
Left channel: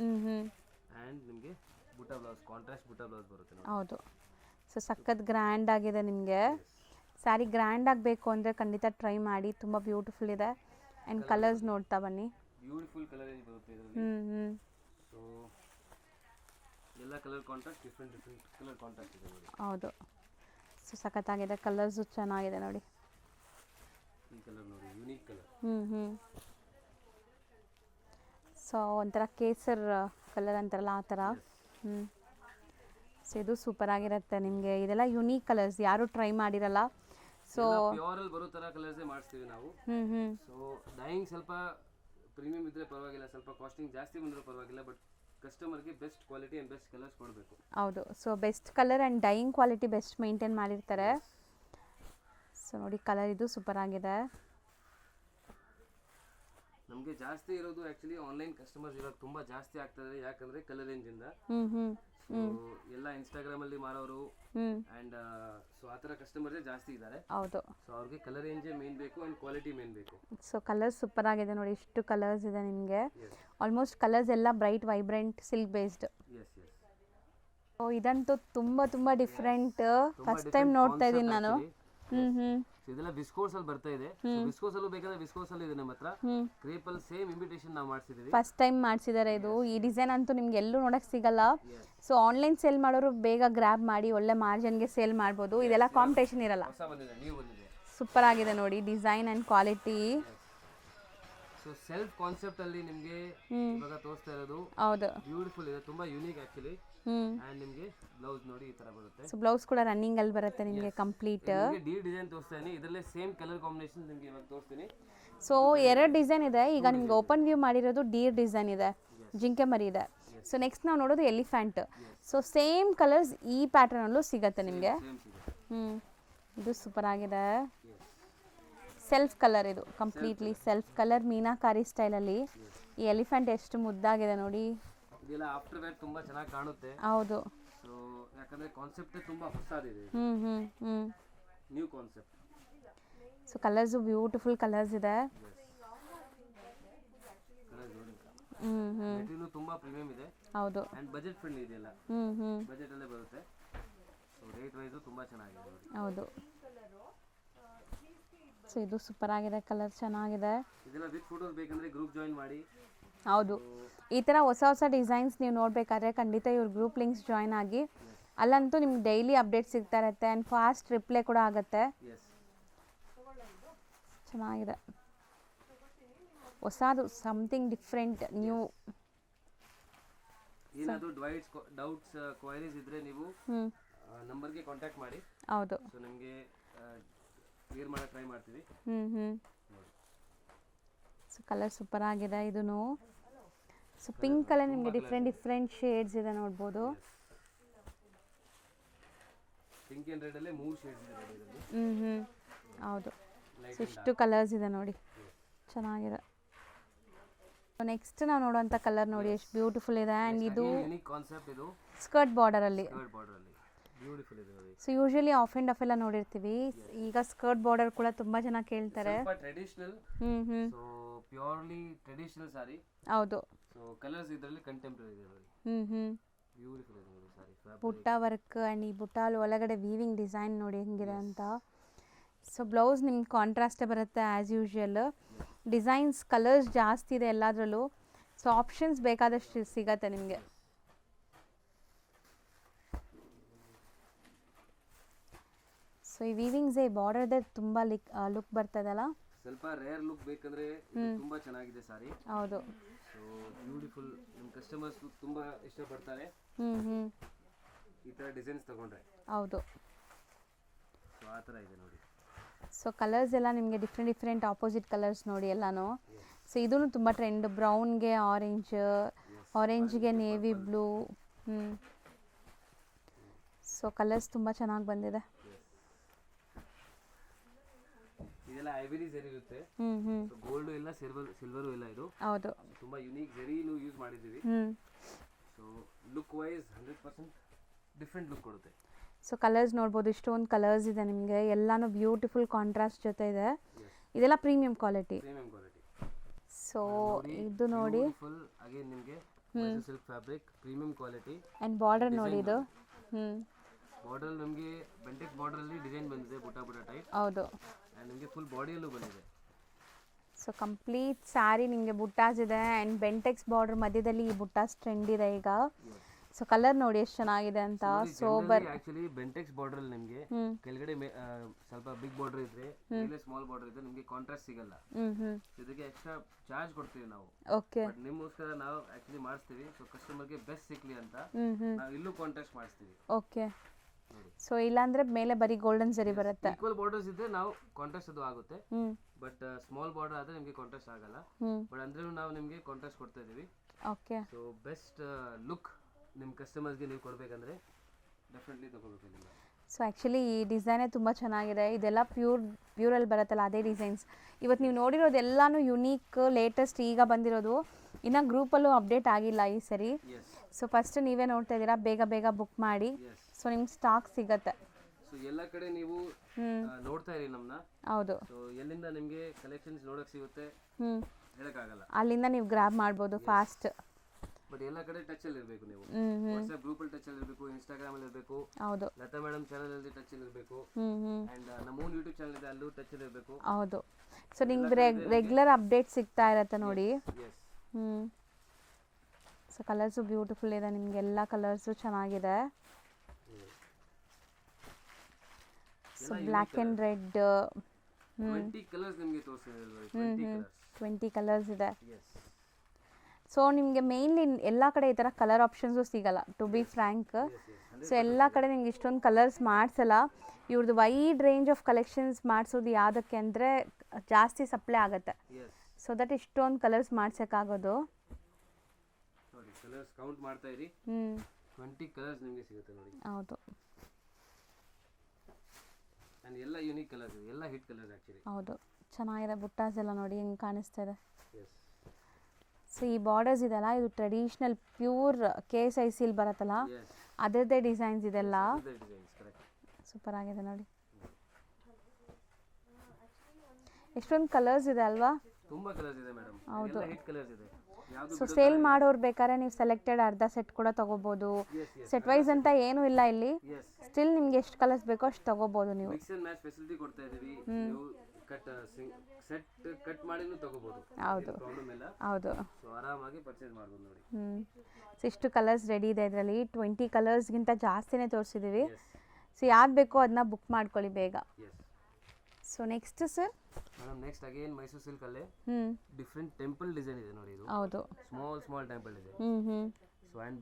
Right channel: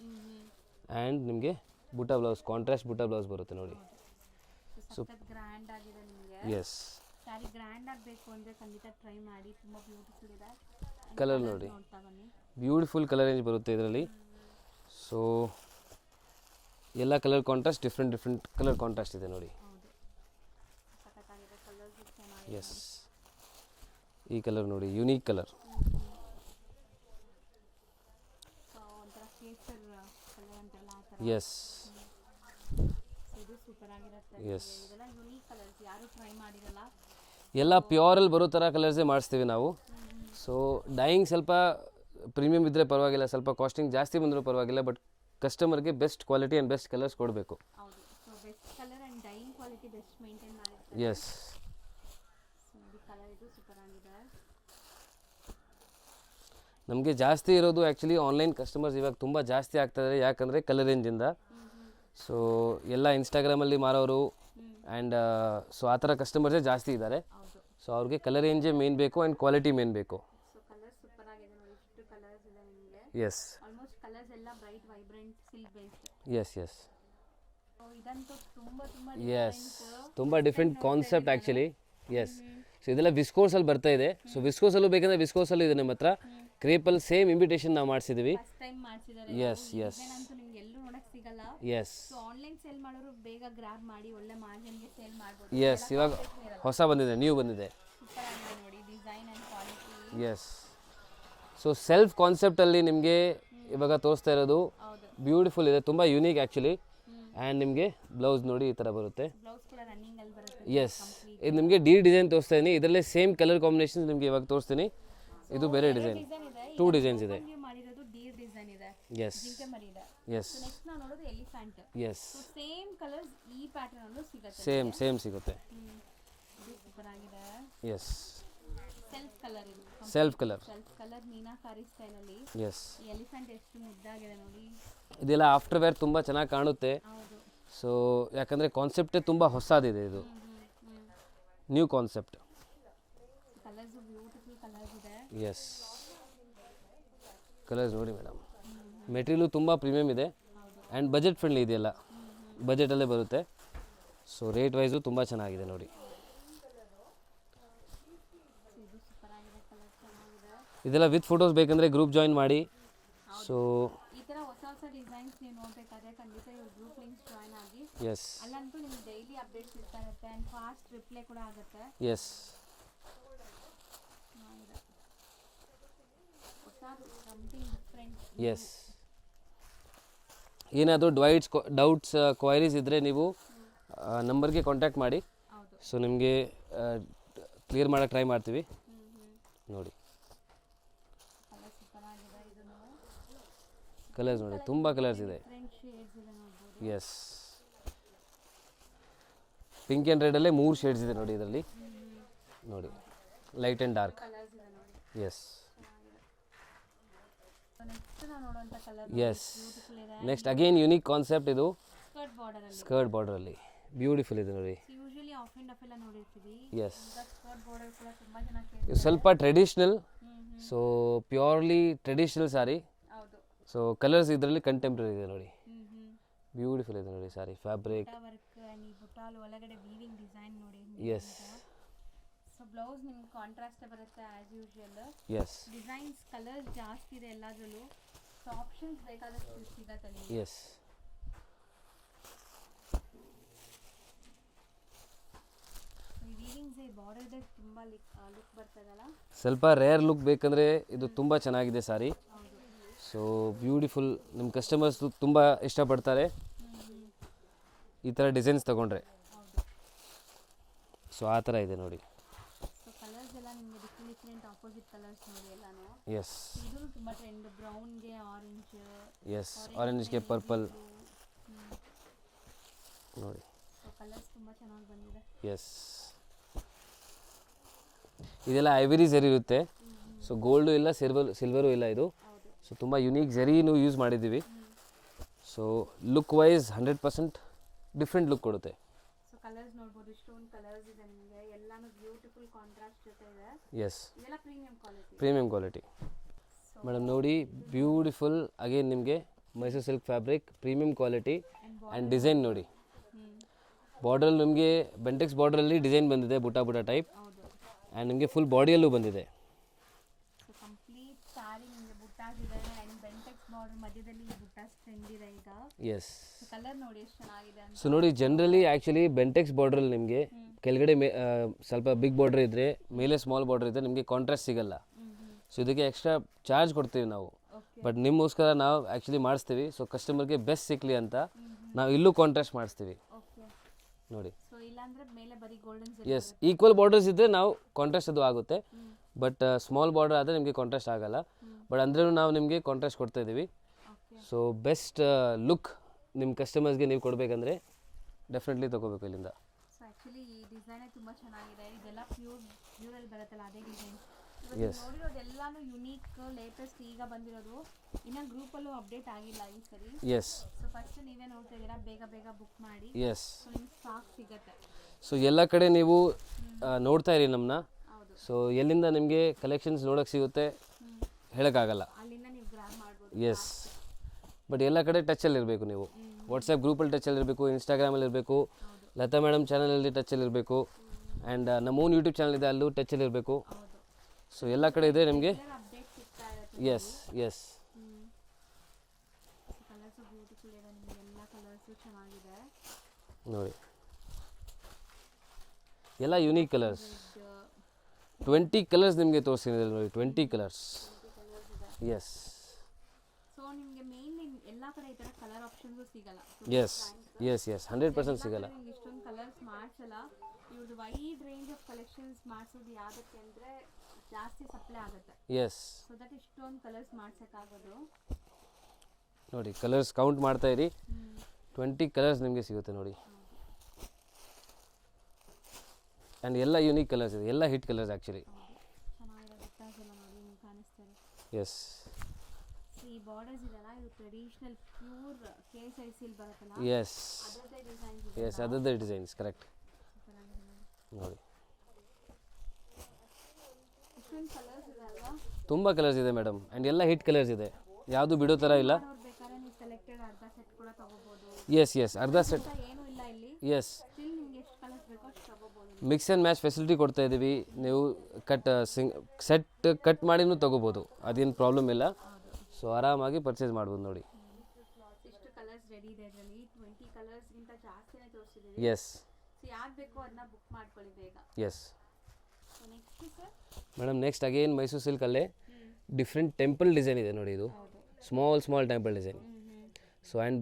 ಆ್ಯಂಡ್ ನಿಮಗೆ ಬುಟ್ಟ ಬ್ಲೌಸ್, ಕಾಂಟ್ರಾಸ್ಟ್ ಬುಟ್ಟ ಬ್ಲೌಸ್ ಬರುತ್ತೆ ನೋಡಿ. ಹೌದು ಸೊ ಸಖತ್ ಗ್ರ್ಯಾಂಡ್ ಆಗಿದೆ ನಿಮಗೆ. ಎಸ್ ಸ್ಯಾರಿ ಗ್ರ್ಯಾಂಡ್ ಆಗಬೇಕು ಅಂದರೆ ಖಂಡಿತ ಟ್ರೈ ಮಾಡಿ, ತುಂಬ ಬ್ಯೂಟಿಫುಲ್ ಇದೆ. ಆ್ಯಂಡ್ ಕಲರ್ಸ್ ನೋಡ್ತಾ ಬನ್ನಿ. ಬ್ಯೂಟಿಫುಲ್ ಕಲರ್ ರೇಂಜ್ ಬರುತ್ತೆ ಇದರಲ್ಲಿ. ಸೊ ಎಲ್ಲ colour contrast different colour contrast ಇದೆ ನೋಡಿ. ಹೌದು ಸೊ ಸಖತ್ತಾಗಿದೆ, ಕಲರ್ಸು ಚೆನ್ನಾಗಿದೆ ನೋಡಿ. ಈ ಕಲರ್ ನೋಡಿ, ಯುನೀಕ್ ಕಲರ್. ಸೊ ಒಂಥರ ಕೇಸರ್ ಕಲರ್ ಅಂತಾರಲ್ಲ ಆ ಥರ. ಎಸ್ ಸೊ ಇದು ಸೂಪರ್ ಆಗಿರುತ್ತೆ ನಿಮಗೆ. ಇದೆಲ್ಲ ಯುನೀಕ್ ಕಲರ್ಸ್, ಯಾರು ಟ್ರೈ ಮಾಡಿರಲ್ಲ. ಎಲ್ಲ ಪ್ಯೂರಲ್ಲಿ ಬರೋ ಥರ ಕಲರ್ಸೇ ಮಾಡಿಸ್ತೀವಿ ನಾವು. ಸೊ ಡೈಯಿಂಗ್ ಸ್ವಲ್ಪ ಪ್ರೀಮಿಯಂ ಇದ್ದರೆ ಪರವಾಗಿಲ್ಲ, ಸ್ವಲ್ಪ ಕಾಸ್ಟಿಂಗ್ ಜಾಸ್ತಿ ಬಂದರೂ ಪರವಾಗಿಲ್ಲ, ಬಟ್ ಕಸ್ಟಮರ್ಗೆ best quality and best colours ಕೊಡಬೇಕು. ಹೌದು so best colour and dyeing quality best maintain ಮಾಡಿರ್ತಾರೆ. ಸೊ ನೋಡಿ ಕಲರ್ ಇದು ಸೂಪರ್ ಆಗಿದೆ. ನಮಗೆ ಜಾಸ್ತಿ ಇರೋದು ಆ್ಯಕ್ಚುಲಿ ಆನ್ಲೈನ್ ಕಸ್ಟಮರ್ಸ್ ಇವಾಗ ತುಂಬ ಜಾಸ್ತಿ ಆಗ್ತಾಯಿದ್ದಾರೆ, ಯಾಕಂದರೆ ಕಲರ್ ರೇಂಜಿಂದ. ಸೊ ಎಲ್ಲ ಇನ್ಸ್ಟಾಗ್ರಾಮಲ್ಲಿ ಮಾರೋರು ಆ್ಯಂಡ್ ಸೊ ಆ ಥರ ಕಸ್ಟಮರ್ಸೇ ಜಾಸ್ತಿ ಇದ್ದಾರೆ. ಹೌದು ಸೊ ಅವ್ರಿಗೆ ಕಲರ್ ರೇಂಜೇ ಮೇನ್ ಬೇಕು ಆ್ಯಂಡ್ ಕ್ವಾಲಿಟಿ ಮೇನ್ ಬೇಕು. ಸೊ ಕಲರ್ ಸೂಪರ್ ಆಗಿದೆ ನೋಡಿ, ಇಷ್ಟು ಕಲರ್ಸ್ ಇದೆ ನಿಮಗೆ. ಎಸ್ ಆಲ್ಮೋಸ್ಟ್ ಕಲರ್ಸ್ ಎಲ್ಲ bright vibrant silk based. Yes yes so ಇದಂತೂ ತುಂಬ ಡಿಫ್ರೆಂಟ್, ತುಂಬ different concept actually. Yes so ಇದೆಲ್ಲ ವಿಸ್ಕೋಸಲ್ಲಿ ಬರ್ತಾ ಇದೆ. ಸೊ ವಿಸ್ಕೋಸಲ್ಲೂ ಬೇಕಂದ್ರೆ ವಿಸ್ಕೋಸಲ್ಲೂ ಇದೆ ನಮ್ಮ ಹತ್ರ. ಕ್ರೇಪಲ್ ಸೇಮ್ ಇಮಿಟೇಷನ್ ನಾವು ಮಾಡಿಸಿದ್ವಿ, ಫಸ್ಟ್ ಟೈಮ್ ಮಾಡಿಸಿದ್ದಾರೆ ಇದು. ಈ ಡಿಸೈನ್ ಅಂತೂ ನಿಮ್ಗೆ ಎಲ್ಲೂ ನೋಡಕ್ ಸಿಗಲ್ಲ. ಎಸ್ ಸೊ ಆನ್ಲೈನ್ ಸೇಲ್ ಮಾಡೋರು ಬೇಗ ಗ್ರ್ಯಾಬ್ ಮಾಡಿ ಒಳ್ಳೆ ಮಾರ್ಜಿನ್ಗೆ ಸೇಲ್ ಮಾಡ್ಬೋದು. ಇದೆಲ್ಲ ಕಾಂಪಿಟೇಷನ್ ಇರಲ್ಲ. ಹೊಸ ಬಂದಿದೆ, ನ್ಯೂ ಬಂದಿದೆ, ಸೂಪರ್ ಆಗಿದೆ ನೋಡಿ design and quality. Yes so self concept ಅಲ್ಲಿ ನಿಮಗೆ ಇವಾಗ ತೋರಿಸ್ತಾ ಇರೋದು. ಹೌದು ಬ್ಯೂಟಿಫುಲ್ ಇದೆ, ತುಂಬಾ ಯೂನಿಕ್ ಆಕ್ಚುಲಿ. ಆ್ಯಂಡ್ ನಿಮಗೆ ಬ್ಲೌಸ್ ನೋಡಿ ಈ ಥರ ಬರುತ್ತೆ. ಸೊ ಬ್ಲೌಸ್ ಕೂಡ ರನ್ನಿಂಗ್ ಅಲ್ಲಿ ಬರುತ್ತೆ ನಿಮಗೆ ಕಂಪ್ಲೀಟ್. ಇದು ನಿಮಗೆ ಡಿ ಡಿಸೈನ್ ತೋರಿಸ್ತಾ ಇದೀನಿ, ಇದರಲ್ಲೇ ಸೇಮ್ ಕಲರ್ ಕಾಂಬಿನೇಷನ್ ನಿಮಗೆ ಇವಾಗ ತೋರಿಸ್ತೀನಿ. ಸೊ ಎರಡು ಡಿಸೈನ್ ಇದೆ. ಈಗ ಓಪನ್ ವ್ಯೂ ಮಾಡಿರೋದು ಡೀರ್ ಡಿಸೈನ್ ಇದೆ, ಜಿಂಕೆ ಮರಿ ಇದೆ. ಸೊ ನೆಕ್ಸ್ಟ್ ನಾವು ನೋಡೋದು ಎಲಿಫೆಂಟ್. ಸೊ ಸೇಮ್ ಕಲರ್ಸ್ ಈ ಪ್ಯಾಟರ್ನ್ ಅಲ್ಲೂ ಸಿಗುತ್ತೆ ನಿಮಗೆ. ಸೇಮ್ ಸಿಗುತ್ತೆ. ಇದು ಸೂಪರ್ ಆಗಿದೆ. ಎಸ್ ಸೆಲ್ಫ್ ಕಲರ್, ಇದು completely self colour meenakari style ಅಲ್ಲಿ. ಈ ಎಲಿಫೆಂಟ್ ಎಷ್ಟು ಮುದ್ದಾಗಿದೆ ನೋಡಿ. ಇದೆಲ್ಲ ಆಫ್ಟರ್ ವೇರ್ ತುಂಬಾ ಚೆನ್ನಾಗಿ ಕಾಣುತ್ತೆ. ಹೌದು ಸೊ ಯಾಕಂದ್ರೆ ಕಾನ್ಸೆಪ್ಟೇ ತುಂಬಾ ಹೊಸದಿದೆ, ಇದು new concept. So colours beautiful colours ಇದೆ. ಎಸ್ ಕಲರ್ಸ್ ನೋಡಿ ಮೇಡಮ್. ಮೆಟೀರಿಯಲ್ ತುಂಬಾ ಪ್ರೀಮಿಯಂ ಇದೆ. ಹೌದು ಆ್ಯಂಡ್ ಬಜೆಟ್ ಫ್ರೆಂಡ್ಲಿ ಇದೆಯಲ್ಲ, ಬಜೆಟಲ್ಲೇ ಬರುತ್ತೆ. ಸೊ ರೇಟ್ ವೈಸು ತುಂಬ ಚೆನ್ನಾಗಿದೆ ನೋಡಿ. ಹೌದು ಸೊ ಇದು ಸೂಪರ್ ಆಗಿದೆ, ಕಲರ್ ಚೆನ್ನಾಗಿದೆ. ಇದೆಲ್ಲ ವಿತ್ ಫೋಟೋಸ್ ಬೇಕಂದ್ರೆ ಗ್ರೂಪ್ ಜಾಯಿನ್ ಮಾಡಿ. ಹೌದು ಈ ಥರ ಹೊಸ ಡಿಸೈನ್ಸ್ ನೀವು ನೋಡಬೇಕಾದ್ರೆ ಖಂಡಿತ ಇವ್ರ ಗ್ರೂಪ್ ಲಿಂಕ್ಸ್ ಜಾಯಿನ್ ಆಗಿ. ಎಸ್ ಅಲ್ಲಂತೂ ನಿಮ್ಗೆ ಡೈಲಿ ಅಪ್ಡೇಟ್ ಸಿಗ್ತಾ ಇರುತ್ತೆ ಆ್ಯಂಡ್ ಫಾಸ್ಟ್ ರಿಪ್ಲೈ ಕೂಡ ಆಗುತ್ತೆ. ಎಸ್ ಚೆನ್ನಾಗಿದೆ, ಹೊಸದು, ಸಮಥಿಂಗ್ ಡಿಫ್ರೆಂಟ್ ನ್ಯೂ. ಏನಾದರೂ ಡೌಟ್ಸ್ ಕ್ವೈರೀಸ್ ಇದ್ದರೆ ನೀವು ನಂಬರ್ಗೆ ಕಾಂಟ್ಯಾಕ್ಟ್ ಮಾಡಿ. ಹೌದು. ಸೊ ನಿಮಗೆ ಕ್ಲಿಯರ್ ಮಾಡೋಕ್ಕೆ ಟ್ರೈ ಮಾಡ್ತೀವಿ. ನೋಡಿ ಸೊ ಕಲರ್ ಸೂಪರ್ ಆಗಿದೆ ಇದೂ. So pink colour different shades ಇದೆ ನೋಡ್ಬೋದು. ಎಸ್, ಪಿಂಕ್ ಆ್ಯಂಡ್ ರೆಡಲ್ಲೇ 3 ಶೇಡ್ಸ್ ಇದೆ ನೋಡಿ ಇದರಲ್ಲಿ. ನೋಡಿ ಹೌದು, ಲೈಟ್ ಆ್ಯಂಡ್ ಡಾರ್ಕ್ ಕಲರ್ಸ್ ಇದೆ ನೋಡಿ. ಎಸ್, ಚೆನ್ನಾಗಿದೆ. ನೆಕ್ಸ್ಟ್ ನಾವು ನೋಡುವಂಥ ಕಲರ್ ನೋಡಿ ಎಷ್ಟು ಬ್ಯೂಟಿಫುಲ್ ಇದೆ. ನೆಕ್ಸ್ಟ್ ಅಗೇನ್ ಯುನಿಕ್ ಕಾನ್ಸೆಪ್ಟ್ ಇದು. ಸ್ಕರ್ಟ್ ಬಾರ್ಡರ್ ಅಲ್ಲಿ ಬ್ಯೂಟಿಫುಲ್ ಇದೆ ನೋಡಿ. So usually of and of ಎಲ್ಲ ನೋಡಿರ್ತೀವಿ, ಈಗ ಸ್ಕರ್ಟ್ ಬಾರ್ಡರ್ ಕೂಡ ತುಂಬಾ ಜನ ಕೇಳ್ತಾರೆ. ಸ್ವಲ್ಪ ಟ್ರೆಡಿಷನಲ್, ಸೊ ಪ್ಯೂರ್ಲಿ ಟ್ರೆಡಿಷನಲ್ ಸಾರಿ. ಹೌದು. ಸೊ ಕಲರ್ಸ್ ಇದರಲ್ಲಿ ಕಂಟೆಂಪ್ರರಿ ಇದೆ ನೋಡಿ. ಬ್ಯೂಟಿಫುಲ್ ಇದೆ ನೋಡಿ ಸಾರಿ. ಫ್ಯಾಬ್ರಿಕ್ ಬುಟ್ಟ ವರ್ಕ್ ಅಂಡ್ ಈ ಬುಟ್ಟಾಲ್ ಒಳಗಡೆ ವೀವಿಂಗ್ ಡಿಸೈನ್ ನೋಡಿ ಹೆಂಗಿದೆ ಅಂತ. ಸೊ ಬ್ಲೌಸ್ ನಿಮ್ಗೆ ಕಾಂಟ್ರಾಸ್ಟೇ ಬರುತ್ತೆ ಆ್ಯಸ್ ಯೂಶುವಲ್. ಡಿಸೈನ್ಸ್ ಕಲರ್ಸ್ ಜಾಸ್ತಿ ಇದೆ ಎಲ್ಲದರಲ್ಲೂ. ಸೊ ಆಪ್ಷನ್ಸ್ ಬೇಕಾದಷ್ಟು ಸಿಗತ್ತೆ ನಿಮಗೆ. ಸೊ ಈ ವೀವಿಂಗ್ಸ್ ಬಾರ್ಡರ್ದೇ ತುಂಬ ಲುಕ್ ಬರ್ತದಲ್ಲ. ಸ್ವಲ್ಪ ರೇರ್ ಲುಕ್ ಬೇಕಂದ್ರೆ ಇದು ತುಂಬ ಚೆನ್ನಾಗಿದೆ ಸಾರಿ. ಹೌದು. ಸೊ ಬ್ಯೂಟಿಫುಲ್, ನಿಮ್ಮ ಕಸ್ಟಮರ್ಸ್ ತುಂಬ ಇಷ್ಟಪಡ್ತಾರೆ ಈ ಥರ ಡಿಸೈನ್ಸ್ ತಗೊಂಡ್ರೆ. ಹೌದು. ಸೊ ಆ ಥರ ಇದೆ ನೋಡಿ. ಸೊ ಕಲರ್ಸ್ ಎಲ್ಲ ನಿಮಗೆ ಡಿಫ್ರೆಂಟ್ ಆಪೋಸಿಟ್ ಕಲರ್ಸ್ ನೋಡಿ ಎಲ್ಲಾನು. ಎಸ್. ಸೊ ಇದೂ ತುಂಬ ಟ್ರೆಂಡ್. ಬ್ರೌನ್ಗೆ ಆರೆಂಜ್, ಆರೆಂಜ್ಗೆ ನೇವಿ ಬ್ಲೂ. ನೋಡಿ. ಸೊ ಕಲರ್ಸ್ ತುಂಬ ಚೆನ್ನಾಗಿ ಬಂದಿದೆ. ಎಸ್, ಇದೆಲ್ಲ ಐವರಿ ಝರಿ ಇರುತ್ತೆ. ಸೊ ಗೋಲ್ಡು ಇಲ್ಲ, ಸಿಲ್ವರು ಇಲ್ಲ ಇದು. ಹೌದು. ಸೊ ತುಂಬ ಯುನೀಕ್ ಝರಿನೂ ಯೂಸ್ ಮಾಡಿದ್ದೀವಿ. So look wise 100% different look ಕೊಡುತ್ತೆ. ಸೊ ಕಲರ್ಸ್ ನೋಡ್ಬೋದು, ಇಷ್ಟೊಂದು ಕಲರ್ಸ್ ಇದೆ ನಿಮಗೆ, ಎಲ್ಲಾನು ಬ್ಯೂಟಿಫುಲ್ ಕಾಂಟ್ರಾಸ್ಟ್ ಜೊತೆ ಇದೆ. ಎಸ್, ಇದೆಲ್ಲ ಪ್ರೀಮಿಯಂ ಕ್ವಾಲಿಟಿ. ಸೊ ನೋಡಿ ಬ್ಯೂಟಿಫುಲ್ ಅಗೇನ್ ನಿಮಗೆ Mysuru silk fabric, premium quality and design ನೋಡಿ. ಬಾರ್ಡರ್ ನಿಮಗೆ ಬೆಂಟೆಕ್ಸ್ ಬಾರ್ಡರಲ್ಲಿ ಡಿಸೈನ್ ಬಂದಿದೆ, ಬುಟ್ಟ ಟೈಪ್. ಹೌದು. ಆ್ಯಂಡ್ ನಿಮಗೆ ಫುಲ್ ಬಾಡಿಯಲ್ಲೂ ಬಂದಿದೆ. ಸೊ ಕಂಪ್ಲೀಟ್ ಸ್ಯಾರಿ ನಿಮಗೆ ಬುಟ್ಟಾಸ್ ಇದೆ ಆ್ಯಂಡ್ ಬೆಂಟೆಕ್ಸ್ ಬಾರ್ಡರ್ ಮಧ್ಯದಲ್ಲಿ ಈ ಬುಟ್ಟಾಸ್ ಟ್ರೆಂಡ್ ಇದೆ ಈಗ. ಎಸ್. ಸೊ ಕಲರ್ ನೋಡಿ ಎಷ್ಟು ಚೆನ್ನಾಗಿದೆ ಅಂತ. ಸೊ ನೋಡಿ ಜನರಲಿ ಆ್ಯಕ್ಚುಲಿ ಬೆಂಟೆಕ್ಸ್ ಬಾರ್ಡರ್ ನಿಮಗೆ ಕೆಳಗಡೆ ಸ್ವಲ್ಪ ಬಿಗ್ ಬಾರ್ಡರ್ ಇದ್ರೆ, ಮೇಲೆ ಸ್ಮಾಲ್ ಬಾರ್ಡರ್ ಇದ್ರೆ ನಿಮಗೆ ಕಾಂಟ್ರಾಸ್ಟ್ ಸಿಗಲ್ಲ. ಸೊ ಇದಕ್ಕೆ ಎಕ್ಸ್ಟ್ರಾ ಚಾರ್ಜ್ ಕೊಡ್ತೀವಿ ನಾವು. ಬಟ್ ನಿಮ್ಗೋಸ್ಕರ ನಾವು ಆ್ಯಕ್ಚುಲಿ ಮಾಡಿಸ್ತೀವಿ. ಸೊ ಕಸ್ಟಮರ್ಗೆ ಬೆಸ್ಟ್ ಸಿಕ್ಲಿ ಅಂತ ನಾವು ಇಲ್ಲೂ ಕಾಂಟ್ರಾಸ್ಟ್ ಮಾಡಿಸ್ತೀವಿ. ಓಕೆ ನೋಡಿ. ಸೊ ಇಲ್ಲಾಂದ್ರೆ ಮೇಲೆ ಬರೀ ಗೋಲ್ಡನ್ ಜರಿ ಬರುತ್ತೆ. ಈಕ್ವಲ್ ಬಾರ್ಡರ್ಸ್ ಇದ್ರೆ ನಾವು ಕಾಂಟ್ರಾಸ್ಟ್ ಅದು ಆಗುತ್ತೆ. ಬಟ್ ಸ್ಮಾಲ್ ಬಾರ್ಡರ್ ಆದ್ರೆ ನಿಮಗೆ ಕಾಂಟ್ರಾಸ್ಟ್ ಆಗಲ್ಲ. ಬಟ್ ಅಂದ್ರೂ ನಾವು ನಿಮಗೆ ಕಾಂಟ್ರಾಸ್ಟ್ ಕೊಡ್ತಾ ಇದೀವಿ. ಓಕೆ. ಸೊ ಬೆಸ್ಟ್ ಲುಕ್ ನಿಮ್ಮ ಕಸ್ಟಮರ್ಸ್ಗೆ ನೀವು ಕೊಡಬೇಕಂದ್ರೆ ಡೆಫಿನೆಟ್ಲಿ ತಗೋಬೇಕು ಇಲ್ಲಿಂದ. ಸೊ ಆ್ಯಕ್ಚುಲಿ ಈ ಡಿಸೈನೇ ತುಂಬ ಚೆನ್ನಾಗಿದೆ. ಇದೆಲ್ಲ ಪ್ಯೂರಲ್ಲಿ ಬರುತ್ತಲ್ಲ ಅದೇ ಡಿಸೈನ್ಸ್. ಇವತ್ತು ನೀವು ನೋಡಿರೋದು ಎಲ್ಲಾನು ಯುನೀಕ್, ಲೇಟೆಸ್ಟ್ ಈಗ ಬಂದಿರೋದು. ಇನ್ನು ಗ್ರೂಪಲ್ಲೂ ಅಪ್ಡೇಟ್ ಆಗಿಲ್ಲ ಈ ಸರಿ. ಸೊ ಫಸ್ಟ್ ನೀವೇ ನೋಡ್ತಾ ಇದ್ದೀರಾ, ಬೇಗ ಬುಕ್ ಮಾಡಿ. ಸೊ ನಿಮ್ಗೆ ಸ್ಟಾಕ್ ಸಿಗತ್ತೆ. ಸೊ ಎಲ್ಲ ಕಡೆ ನೀವು ನೋಡ್ತಾ ಇರಿ ನಮ್ಮನ್ನ. ಹೌದು. ಸೊ ಎಲ್ಲಿಂದ ನಿಮಗೆ ಕಲೆಕ್ಷನ್ಸ್ ನೋಡಕ್ಕೆ ಸಿಗುತ್ತೆ ಹೇಳೋಕ್ಕಾಗಲ್ಲ, ಅಲ್ಲಿಂದ ನೀವು ಗ್ರಾಬ್ ಮಾಡ್ಬೋದು ಫಾಸ್ಟ್. ಬಟ್ ಎಲ್ಲ ಕಡೆ ಟಚಲ್ಲಿ ಇರಬೇಕು ನೀವು. ವಾಟ್ಸ್ಆ್ಯಪ್ ಗ್ರೂಪಲ್ಲಿ ಟಚಲ್ಲಿ ಇರಬೇಕು, ಇನ್ಸ್ಟಾಗ್ರಾಮಲ್ಲಿ ಇರಬೇಕು, ಲತಾ ಮೇಡಮ್ ಚಾನಲಲ್ಲಿ ಟಚಲ್ಲಿ ಇರಬೇಕು, ಆ್ಯಂಡ್ ನಮ್ಮ ಓನ್ ಯೂಟ್ಯೂಬ್ ಚಾನಲ್ ಇದೆ ಅಲ್ಲೂ ಟಚಲ್ಲಿ ಇರಬೇಕು. ಹೌದು. ಸೊ ಎಲ್ಲ ಕಡೆ ಇದೆ ನಿಮಗೆ ರೆಗ್ಯುಲರ್ ಅಪ್ಡೇಟ್ ಸಿಗ್ತಾ ಇರುತ್ತೆ ನೋಡಿ. ಎಸ್. ಸೊ ಕಲರ್ಸು ಬ್ಯೂಟಿಫುಲ್ ಇದೆ ನಿಮಗೆ, ಎಲ್ಲ ಕಲರ್ಸು ಚೆನ್ನಾಗಿದೆ ನೋಡಿ. ಎಲ್ಲ ಯೂನಿಕ್ ಕಲರ್ಸ್. ರೆಡ್ 20 ಕಲರ್ಸ್ ನಿಮಗೆ ತೋರಿಸಿದೆ ನೋಡಿ. 20 ಕಲರ್ಸ್ ಇದೆ. ಎಸ್. ಸೊ ನಿಮಗೆ ಮೇನ್ಲಿ ಎಲ್ಲ ಕಡೆ ಈ ಥರ ಕಲರ್ ಆಪ್ಷನ್ಸು ಸಿಗಲ್ಲ, ಟು ಬಿ ಫ್ರ್ಯಾಂಕ್. ಎಲ್ಲ ಕಡೆ ನಿಮ್ಗೆ ಇಷ್ಟೊಂದು ಕಲರ್ಸ್ ಮಾಡಿಸಲ್ಲ. ಇವ್ರದ್ದು ವೈಡ್ ರೇಂಜ್ ಆಫ್ ಕಲೆಕ್ಷನ್ಸ್ ಮಾಡಿಸೋದು ಯಾವುದಕ್ಕೆ ಅಂದರೆ ಜಾಸ್ತಿ ಸಪ್ಲೈ ಆಗುತ್ತೆ. ಸೊ ದಟ್ ಇಷ್ಟೊಂದು ಕಲರ್ಸ್ ಮಾಡ್ಸೋಕ್ಕಾಗೋದು. ನೋಡಿ ಕಲರ್ಸ್ ಕೌಂಟ್ ಮಾಡ್ತಾ ಇರಿ. 20 ಕಲರ್ಸ್ ನಿಮಗೆ ಸಿಗುತ್ತೆ ನೋಡಿ. ಹೌದು. ಆ್ಯಂಡ್ ಎಲ್ಲ ಯೂನಿಕ್ ಕಲರ್ಸ್ ಇದೆ, ಎಲ್ಲ ಹಿಟ್ ಕಲರ್ಸ್ ಆ್ಯಕ್ಚುಲಿ. ಹೌದು, ಚೆನ್ನಾಗಿದೆ. ಬುಟ್ಟಾಸ್ ಎಲ್ಲ ನೋಡಿ ಹೆಂಗೆ ಕಾಣಿಸ್ತಾ ಇದೆ. ಎಸ್. ಸೊ ಈ ಬಾರ್ಡರ್ಸ್ ಇದೆಲ್ಲ, ಇದು ಟ್ರೆಡಿಷನಲ್ ಪ್ಯೂರ್ ಕೇಸ್ ಐಸಿಲ್ ಬರುತ್ತಲ್ಲ, ಅದರದ್ದೇ ಡಿಸೈನ್ಸ್ ಇದೆಲ್ಲ. ಅದರದ್ದೇ ಡಿಸೈನ್ಸ್, ಕರೆಕ್ಟ್. ಸೂಪರ್ ಆಗಿದೆ ನೋಡಿ. ನೋಡಿ ಎಷ್ಟೊಂದು ಕಲರ್ಸ್ ಇದೆ ಅಲ್ವಾ? ತುಂಬಾ ಕಲರ್ಸ್ ಇದೆ ಮೇಡಮ್, ಆ್ಯಂಡ್ ಎಲ್ಲ ಹಿಟ್ ಕಲರ್ಸ್ ಇದೆ, ಯಾವುದು ಬಿಡೋ ತರ ಇಲ್ಲ. ಮಾಡೋರು ಬೇಕಾದ್ರೆ ನೀವು ಸೆಲೆಕ್ಟೆಡ್ ಅರ್ಧ ಸೆಟ್ ಕೂಡ ತಗೋಬಹುದು. ಅರ್ಧ ಸೆಟ್ ಅಂತ ಏನು ಇಲ್ಲ ಇಲ್ಲಿ. ಸ್ಟಿಲ್ ನಿಮಗೆ ಎಷ್ಟು ಕಲರ್ಸ್ ಬೇಕೋ ಅಷ್ಟು ತಗೋಬಹುದು ನೀವು. ಮಿಕ್ಸ್ ಅಂಡ್ ಮ್ಯಾಚ್ ಫೆಸಿಲಿಟಿ ಕೊಡ್ತಾ ಇದೀವಿ. ನೀವು ಸೆಟ್ ಕಟ್ ಮಾಡಿನೂ ತಗೋಬಹುದು, ಅದೇನು ಪ್ರಾಬ್ಲಮ್ ಇಲ್ಲ. ಹೌದು. ಸೊ ಆರಾಮಾಗಿ ಪರ್ಚೇಸ್ ಮಾಡ್ಬೋದು ನೋಡಿ. ಇಷ್ಟು ಕಲರ್ಸ್ ರೆಡಿ ಇದೆ ಇದರಲ್ಲಿ. 20 ಕಲರ್ಸ್ಗಿಂತ ಜಾಸ್ತಿನೇ ತೋರಿಸಿದೀವಿ. ಸೊ ಯಾವ್ದು ಬೇಕೋ ಅದನ್ನ ಬುಕ್ ಮಾಡ್ಕೊಳ್ಳಿ ಬೇಗ. So next sir madam, next again Mysuru silk ಅಲ್ಲೇ ಡಿಫ್ರೆಂಟ್ ಟೆಂಪಲ್ ಡಿಸೈನ್ ಇದೆ ನೋಡಿ. ಇದು ಹೌದು, small temple design. So and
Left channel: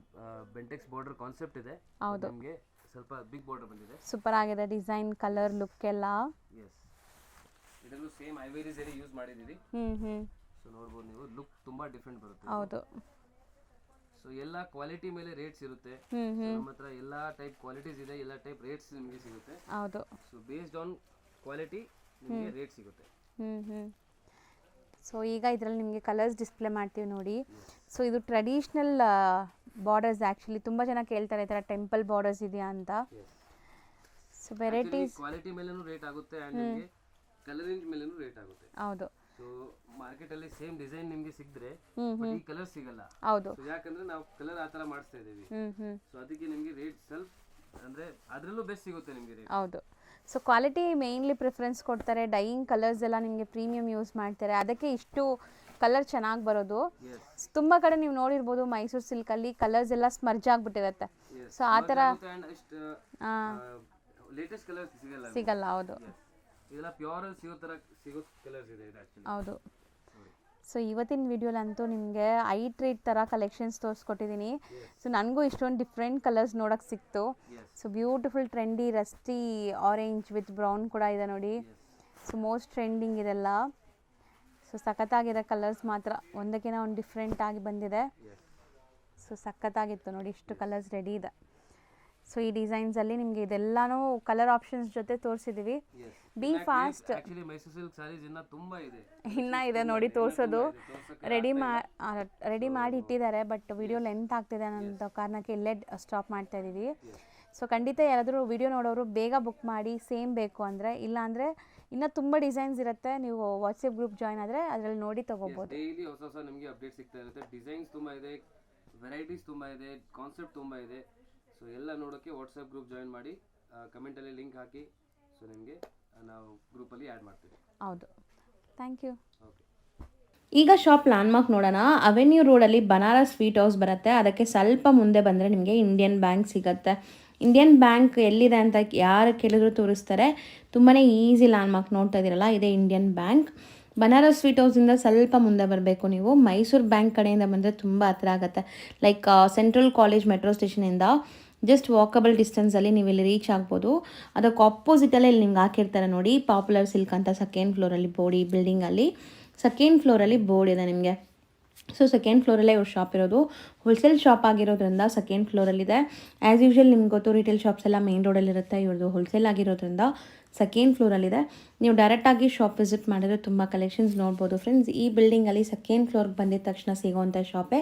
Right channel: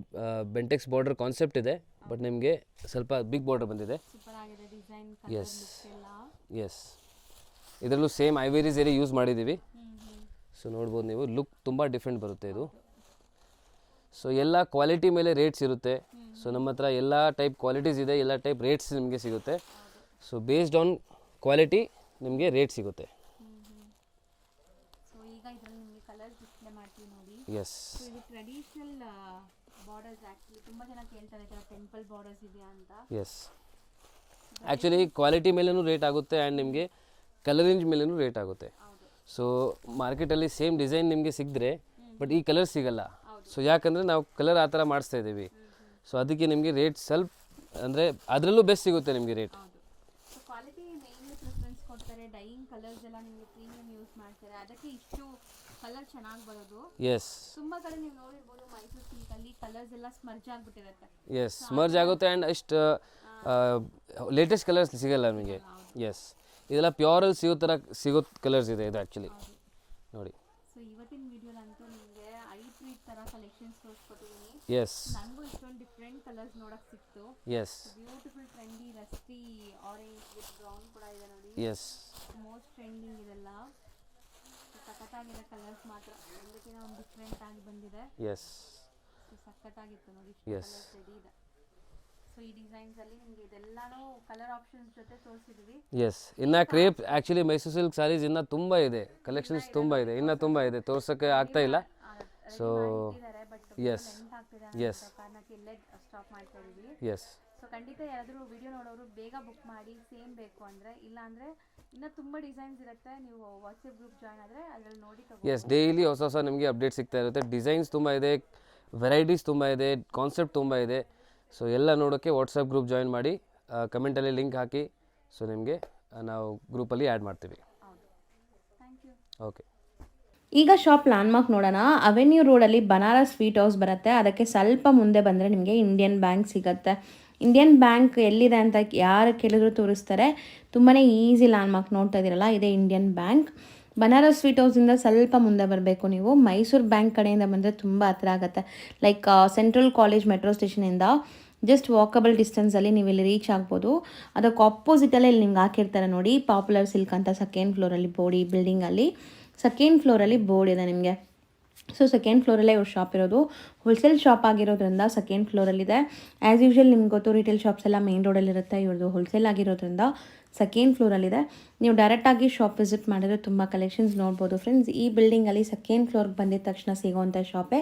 Bentex border concept ಇದೆ, ಬಟ್ ನಿಮಗೆ ಸ್ವಲ್ಪ ಬಿಗ್ ಬಾರ್ಡರ್ ಬಂದಿದೆ. ಸೂಪರ್ ಆಗಿದೆ ಡಿಸೈನ್, ಕಲರ್, ಲುಕ್ ಎಲ್ಲ. ಎಸ್, ಇದರಲ್ಲೂ ಸೇಮ್ ಐವೇರಿ ಝರಿ ಯೂಸ್ ಮಾಡಿದ್ದೀವಿ. ಹ್ಞೂ ಸೊ ನೋಡ್ಬೋದು ನೀವು, ಲುಕ್ ತುಂಬ ಡಿಫ್ರೆಂಟ್ ಬರುತ್ತೆ ಇದು. ಹೌದು. ಸೊ ಎಲ್ಲ ಕ್ವಾಲಿಟಿ ಮೇಲೆ ರೇಟ್ಸ್ ಇರುತ್ತೆ. ಸೊ ನಮ್ಮ ಹತ್ರ ಎಲ್ಲ ಟೈಪ್ ಕ್ವಾಲಿಟೀಸ್ ಇದೆ, ಎಲ್ಲ ಟೈಪ್ ರೇಟ್ಸ್ ನಿಮಗೆ ಸಿಗುತ್ತೆ. ಹೌದು. ಸೊ ಬೇಸ್ಡ್ ಆನ್ ಕ್ವಾಲಿಟಿ ನಿಮಗೆ ರೇಟ್ ಸಿಗುತ್ತೆ. ಸೊ ಈಗ ಇದರಲ್ಲಿ ನಿಮಗೆ ಕಲರ್ಸ್ ಡಿಸ್ಪ್ಲೇ ಮಾಡ್ತೀವಿ ನೋಡಿ. ಎಸ್. ಸೊ ಇದು ಟ್ರೆಡಿಷ್ನಲ್ ಬಾರ್ಡರ್ಸ್. ಆ್ಯಕ್ಚುಲಿ ತುಂಬ ಜನ ಕೇಳ್ತಾರೆ ಈ ಥರ ಟೆಂಪಲ್ ಬಾರ್ಡರ್ಸ್ ಇದೆಯಾ ಅಂತ. ಎಸ್, ಆ್ಯಕ್ಚುಲಿ ಕ್ವಾಲಿಟಿ ಮೇಲೂ ರೇಟ್ ಆಗುತ್ತೆ ಆ್ಯಂಡ್ ನಿಮಗೆ ಕಲರ್ ರೇಂಜ್ ಮೇಲೂ ರೇಟ್ ಆಗುತ್ತೆ. ಹೌದು. ಸೊ ಮಾರ್ಕೆಟಲ್ಲಿ ಸೇಮ್ ಡಿಸೈನ್ ನಿಮಗೆ ಸಿಕ್ಕಿದ್ರೆ ಬಟ್ ಈ ಕಲರ್ ಸಿಗಲ್ಲ. ಹೌದು. ಸೊ ಯಾಕಂದರೆ ನಾವು ಕಲರ್ ಆ ಥರ ಮಾಡಿಸ್ತಾ ಇದ್ದೀವಿ. ಸೊ ಅದಕ್ಕೆ ನಿಮಗೆ ರೇಟ್ ಸ್ವಲ್ಪ ಅಂದರೆ ಅದರಲ್ಲೂ ಬೆಸ್ಟ್ ಸಿಗುತ್ತೆ ನಿಮಗೆ ರೇಟ್. ಹೌದು. ಸೊ ಕ್ವಾಲಿಟಿ ಮೇಯ್ನ್ಲಿ ಪ್ರಿಫರೆನ್ಸ್ ಕೊಡ್ತಾರೆ. ಡೈಯಿಂಗ್ ಕಲರ್ಸ್ ಎಲ್ಲ ನಿಮಗೆ ಪ್ರೀಮಿಯಂ ಯೂಸ್ ಮಾಡ್ತಾರೆ, ಅದಕ್ಕೆ ಇಷ್ಟು ಕಲರ್ ಚೆನ್ನಾಗಿ ಬರೋದು. ಎಸ್, ತುಂಬಾ ಕಡೆ ನೀವು ನೋಡಿರ್ಬೋದು ಮೈಸೂರು ಸಿಲ್ಕ್ ಅಲ್ಲಿ ಕಲರ್ಸ್ ಎಲ್ಲ ಸ್ಮರ್ಜ್ ಆಗ್ಬಿಟ್ಟಿರುತ್ತೆ. ಎಸ್, ಸ್ಮರ್ಜ್ ಆಗುತ್ತೆ ಆ್ಯಂಡ್ ಅಷ್ಟು ಲೇಟೆಸ್ಟ್ ಕಲರ್ಸ್ ಸಿಗಲ್ಲ. ಹೌದು. ಎಸ್, ಇದೆಲ್ಲ ಪ್ಯೂರಲ್ಲಿ ಸಿಗೋ ಕಲರ್ಸ್ ಇದೆ ಇದು ಆ್ಯಕ್ಚುಲಿ. ಹೌದು ನೋಡಿ. ಸೊ ಇವತ್ತಿನ ವಿಡಿಯೋಲಂತೂ ನಿಮಗೆ ಐ ಟ್ರೀಟ್ ಥರ ಕಲೆಕ್ಷನ್ಸ್ ತೋರಿಸ್ಕೊಟ್ಟಿದ್ದೀನಿ. ಎಸ್, ಸೊ ನನಗೂ ಇಷ್ಟೊಂದು ಡಿಫ್ರೆಂಟ್ ಕಲರ್ಸ್ ನೋಡೋಕೆ ಸಿಕ್ತು. Yes. So beautiful trendy rusty orange with brown ಕೂಡ ಇದೆ ನೋಡಿ. ಎಸ್. ಸೊ ಮೋಸ್ಟ್ ಟ್ರೆಂಡಿಂಗ್ ಇದೆಲ್ಲ. ಸೊ ಸಖತ್ತಾಗಿರೋ ಕಲರ್ಸ್ ಮಾತ್ರ ಒಂದಕ್ಕಿಂತ ಒಂದು ಡಿಫ್ರೆಂಟ್ ಆಗಿ ಬಂದಿದೆ. ಎಸ್. ಸೊ ಸಖತ್ತಾಗಿತ್ತು ನೋಡಿ, ಇಷ್ಟು ಕಲರ್ಸ್ ರೆಡಿ ಇದೆ. ಸೊ ಈ ಡಿಸೈನ್ಸ್ ಅಲ್ಲಿ ನಿಮಗೆ ಇದೆಲ್ಲಾನು ಕಲರ್ ಆಪ್ಷನ್ಸ್ ಜೊತೆ ತೋರಿಸಿದೀವಿ. ಎಸ್, ಇನ್ನ crepe actually Mysuru silk saris ಇನ್ನ ತುಂಬಾ ಇದೆ, ಕಲೆಕ್ಷನ್ಸ್ ತುಂಬಾ ಇದೆ, ಇನ್ನ ತುಂಬಾ ಇದೆ, ತೋರ್ಸಕ್ಕೆ ಆಗ್ತಾ ಇಲ್ಲ. ರೆಡಿ ಮಾಡಿ ಇಟ್ಟಿದ್ದಾರೆ, ಬಟ್ ವಿಡಿಯೋ ಲೆಂತ್ ಆಗ್ತಿದೆ ಅನ್ನೋ ಕಾರಣಕ್ಕೆ ಇಲ್ಲೇ ಸ್ಟಾಪ್ ಮಾಡ್ತಾ ಇದೀವಿ. ಎಸ್. ಸೊ ಖಂಡಿತ ಯಾರಾದರೂ ವಿಡಿಯೋ ನೋಡೋರು ಬೇಗ ಬುಕ್ ಮಾಡಿ, ಸೇಮ್ ಬೇಕು ಅಂದ್ರೆ. ಇಲ್ಲ ಅಂದ್ರೆ ಇನ್ನ ತುಂಬಾ ಡಿಸೈನ್ಸ್ ಇರುತ್ತೆ, ನೀವು ವಾಟ್ಸ್ಆಪ್ ಗ್ರೂಪ್ ಜಾಯ್ನ್ ಆದ್ರೆ ಅದರಲ್ಲಿ ನೋಡಿ ತಗೋಬಹುದು. ಎಸ್, ಡೈಲಿ ಹೊಸ ಹೊಸ ನಿಮಗೆ ಅಪ್ಡೇಟ್ ಸಿಗ್ತಾ ಇರುತ್ತೆ. ಡಿಸೈನ್ಸ್ ತುಂಬಾ ಇದೆ, ವೆರೈಟೀಸ್ ತುಂಬಾ ಇದೆ, ಕಾನ್ಸೆಪ್ಟ್ ತುಂಬಾ ಇದೆ. ಸೊ ಎಲ್ಲ ನೋಡೋಕ್ಕೆ ವಾಟ್ಸಪ್ ಗ್ರೂಪ್ ಜಾಯಿನ್ ಮಾಡಿ, ಕಮೆಂಟಲ್ಲಿ ಲಿಂಕ್ ಹಾಕಿ. ಸೊ ನಿಮಗೆ ನಾವು ಗ್ರೂಪಲ್ಲಿ ಆ್ಯಡ್ ಮಾಡ್ತೀವಿ. ಹೌದು, ಥ್ಯಾಂಕ್ ಯು. ಓಕೆ. ಈಗ ಶಾಪ್ ಲ್ಯಾಂಡ್ಮಾರ್ಕ್ ನೋಡೋಣ. ಅವೆನ್ಯೂ ರೋಡಲ್ಲಿ ಬನಾರಸ್ ಸ್ವೀಟ್ ಹೌಸ್ ಬರುತ್ತೆ, ಅದಕ್ಕೆ ಸ್ವಲ್ಪ ಮುಂದೆ ಬಂದರೆ ನಿಮಗೆ ಇಂಡಿಯನ್ ಬ್ಯಾಂಕ್ ಸಿಗುತ್ತೆ. ಇಂಡಿಯನ್ ಬ್ಯಾಂಕ್ ಎಲ್ಲಿದೆ ಅಂತ ಯಾರು ಕೇಳಿದ್ರು ತೋರಿಸ್ತಾರೆ. ತುಂಬಾ ಈಸಿ ಲ್ಯಾಂಡ್ಮಾರ್ಕ್ ನೋಡ್ತಾ ಇದ್ದೀರಲ್ಲ, ಇದೇ ಇಂಡಿಯನ್ ಬ್ಯಾಂಕ್. ಬನಾರಸ್ ಸ್ವೀಟ್ ಹೌಸಿಂದ ಸ್ವಲ್ಪ ಮುಂದೆ ಬರಬೇಕು ನೀವು. ಮೈಸೂರು ಬ್ಯಾಂಕ್ ಕಡೆಯಿಂದ ಬಂದರೆ ತುಂಬ ಹತ್ರ ಆಗುತ್ತೆ. ಲೈಕ್ ಸೆಂಟ್ರಲ್ ಕಾಲೇಜ್ ಮೆಟ್ರೋ ಸ್ಟೇಷನಿಂದ ಜಸ್ಟ್ ವಾಕಬಲ್ ಡಿಸ್ಟೆನ್ಸಲ್ಲಿ ನೀವು ಇಲ್ಲಿ ರೀಚ್ ಆಗ್ಬೋದು. ಅದಕ್ಕೆ ಆಪೋಸಿಟಲ್ಲೇ ಇಲ್ಲಿ ನಿಮ್ಗೆ ಹಾಕಿರ್ತಾರೆ ನೋಡಿ, ಪಾಪ್ಯುಲರ್ ಸಿಲ್ಕ್ ಅಂತ. ಸೆಕೆಂಡ್ ಫ್ಲೋರಲ್ಲಿ ಬೋರ್ಡ್, ಈ ಬಿಲ್ಡಿಂಗಲ್ಲಿ ಸೆಕೆಂಡ್ ಫ್ಲೋರಲ್ಲಿ ಬೋರ್ಡ್ ಇದೆ ನಿಮಗೆ. ಸೊ ಸೆಕೆಂಡ್ ಫ್ಲೋರಲ್ಲೇ ಇವ್ರ ಶಾಪ್ ಇರೋದು. ಹೋಲ್ಸೇಲ್ ಶಾಪ್ ಆಗಿರೋದ್ರಿಂದ ಸೆಕೆಂಡ್ ಫ್ಲೋರಲ್ಲಿದೆ. ಆ್ಯಸ್ ಯೂಶ್ವಲ್ ನಿಮ್ಗೆ ಗೊತ್ತು, ರಿಟೇಲ್ ಶಾಪ್ಸ್ ಎಲ್ಲ ಮೇನ್ ರೋಡಲ್ಲಿರುತ್ತೆ, ಇವ್ರದ್ದು ಹೋಲ್ಸೇಲ್ ಆಗಿರೋದ್ರಿಂದ ಸೆಕೆಂಡ್ ಫ್ಲೋರಲ್ಲಿದೆ. ನೀವು ಡೈರೆಕ್ಟಾಗಿ ಶಾಪ್ ವಿಸಿಟ್ ಮಾಡಿದ್ರೆ ತುಂಬ ಕಲೆಕ್ಷನ್ಸ್ ನೋಡ್ಬೋದು ಫ್ರೆಂಡ್ಸ್. ಈ ಬಿಲ್ಡಿಂಗಲ್ಲಿ ಸೆಕೆಂಡ್ ಫ್ಲೋರ್ಗೆ ಬಂದಿದ ತಕ್ಷಣ ಸಿಗೋವಂಥ ಶಾಪೇ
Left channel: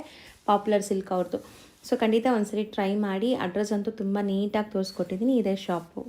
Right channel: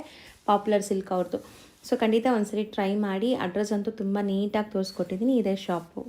ಪಾಪ್ಯುಲರ್ ಸಿಲ್ಕ್ ಅವ್ರದ್ದು. ಸೊ ಖಂಡಿತ ಒಂದ್ಸರಿ ಟ್ರೈ ಮಾಡಿ. ಅಡ್ರೆಸ್ ಅಂತೂ ತುಂಬ ನೀಟಾಗಿ ತೋರಿಸ್ಕೊಟ್ಟಿದ್ದೀನಿ, ಇದೇ ಶಾಪು.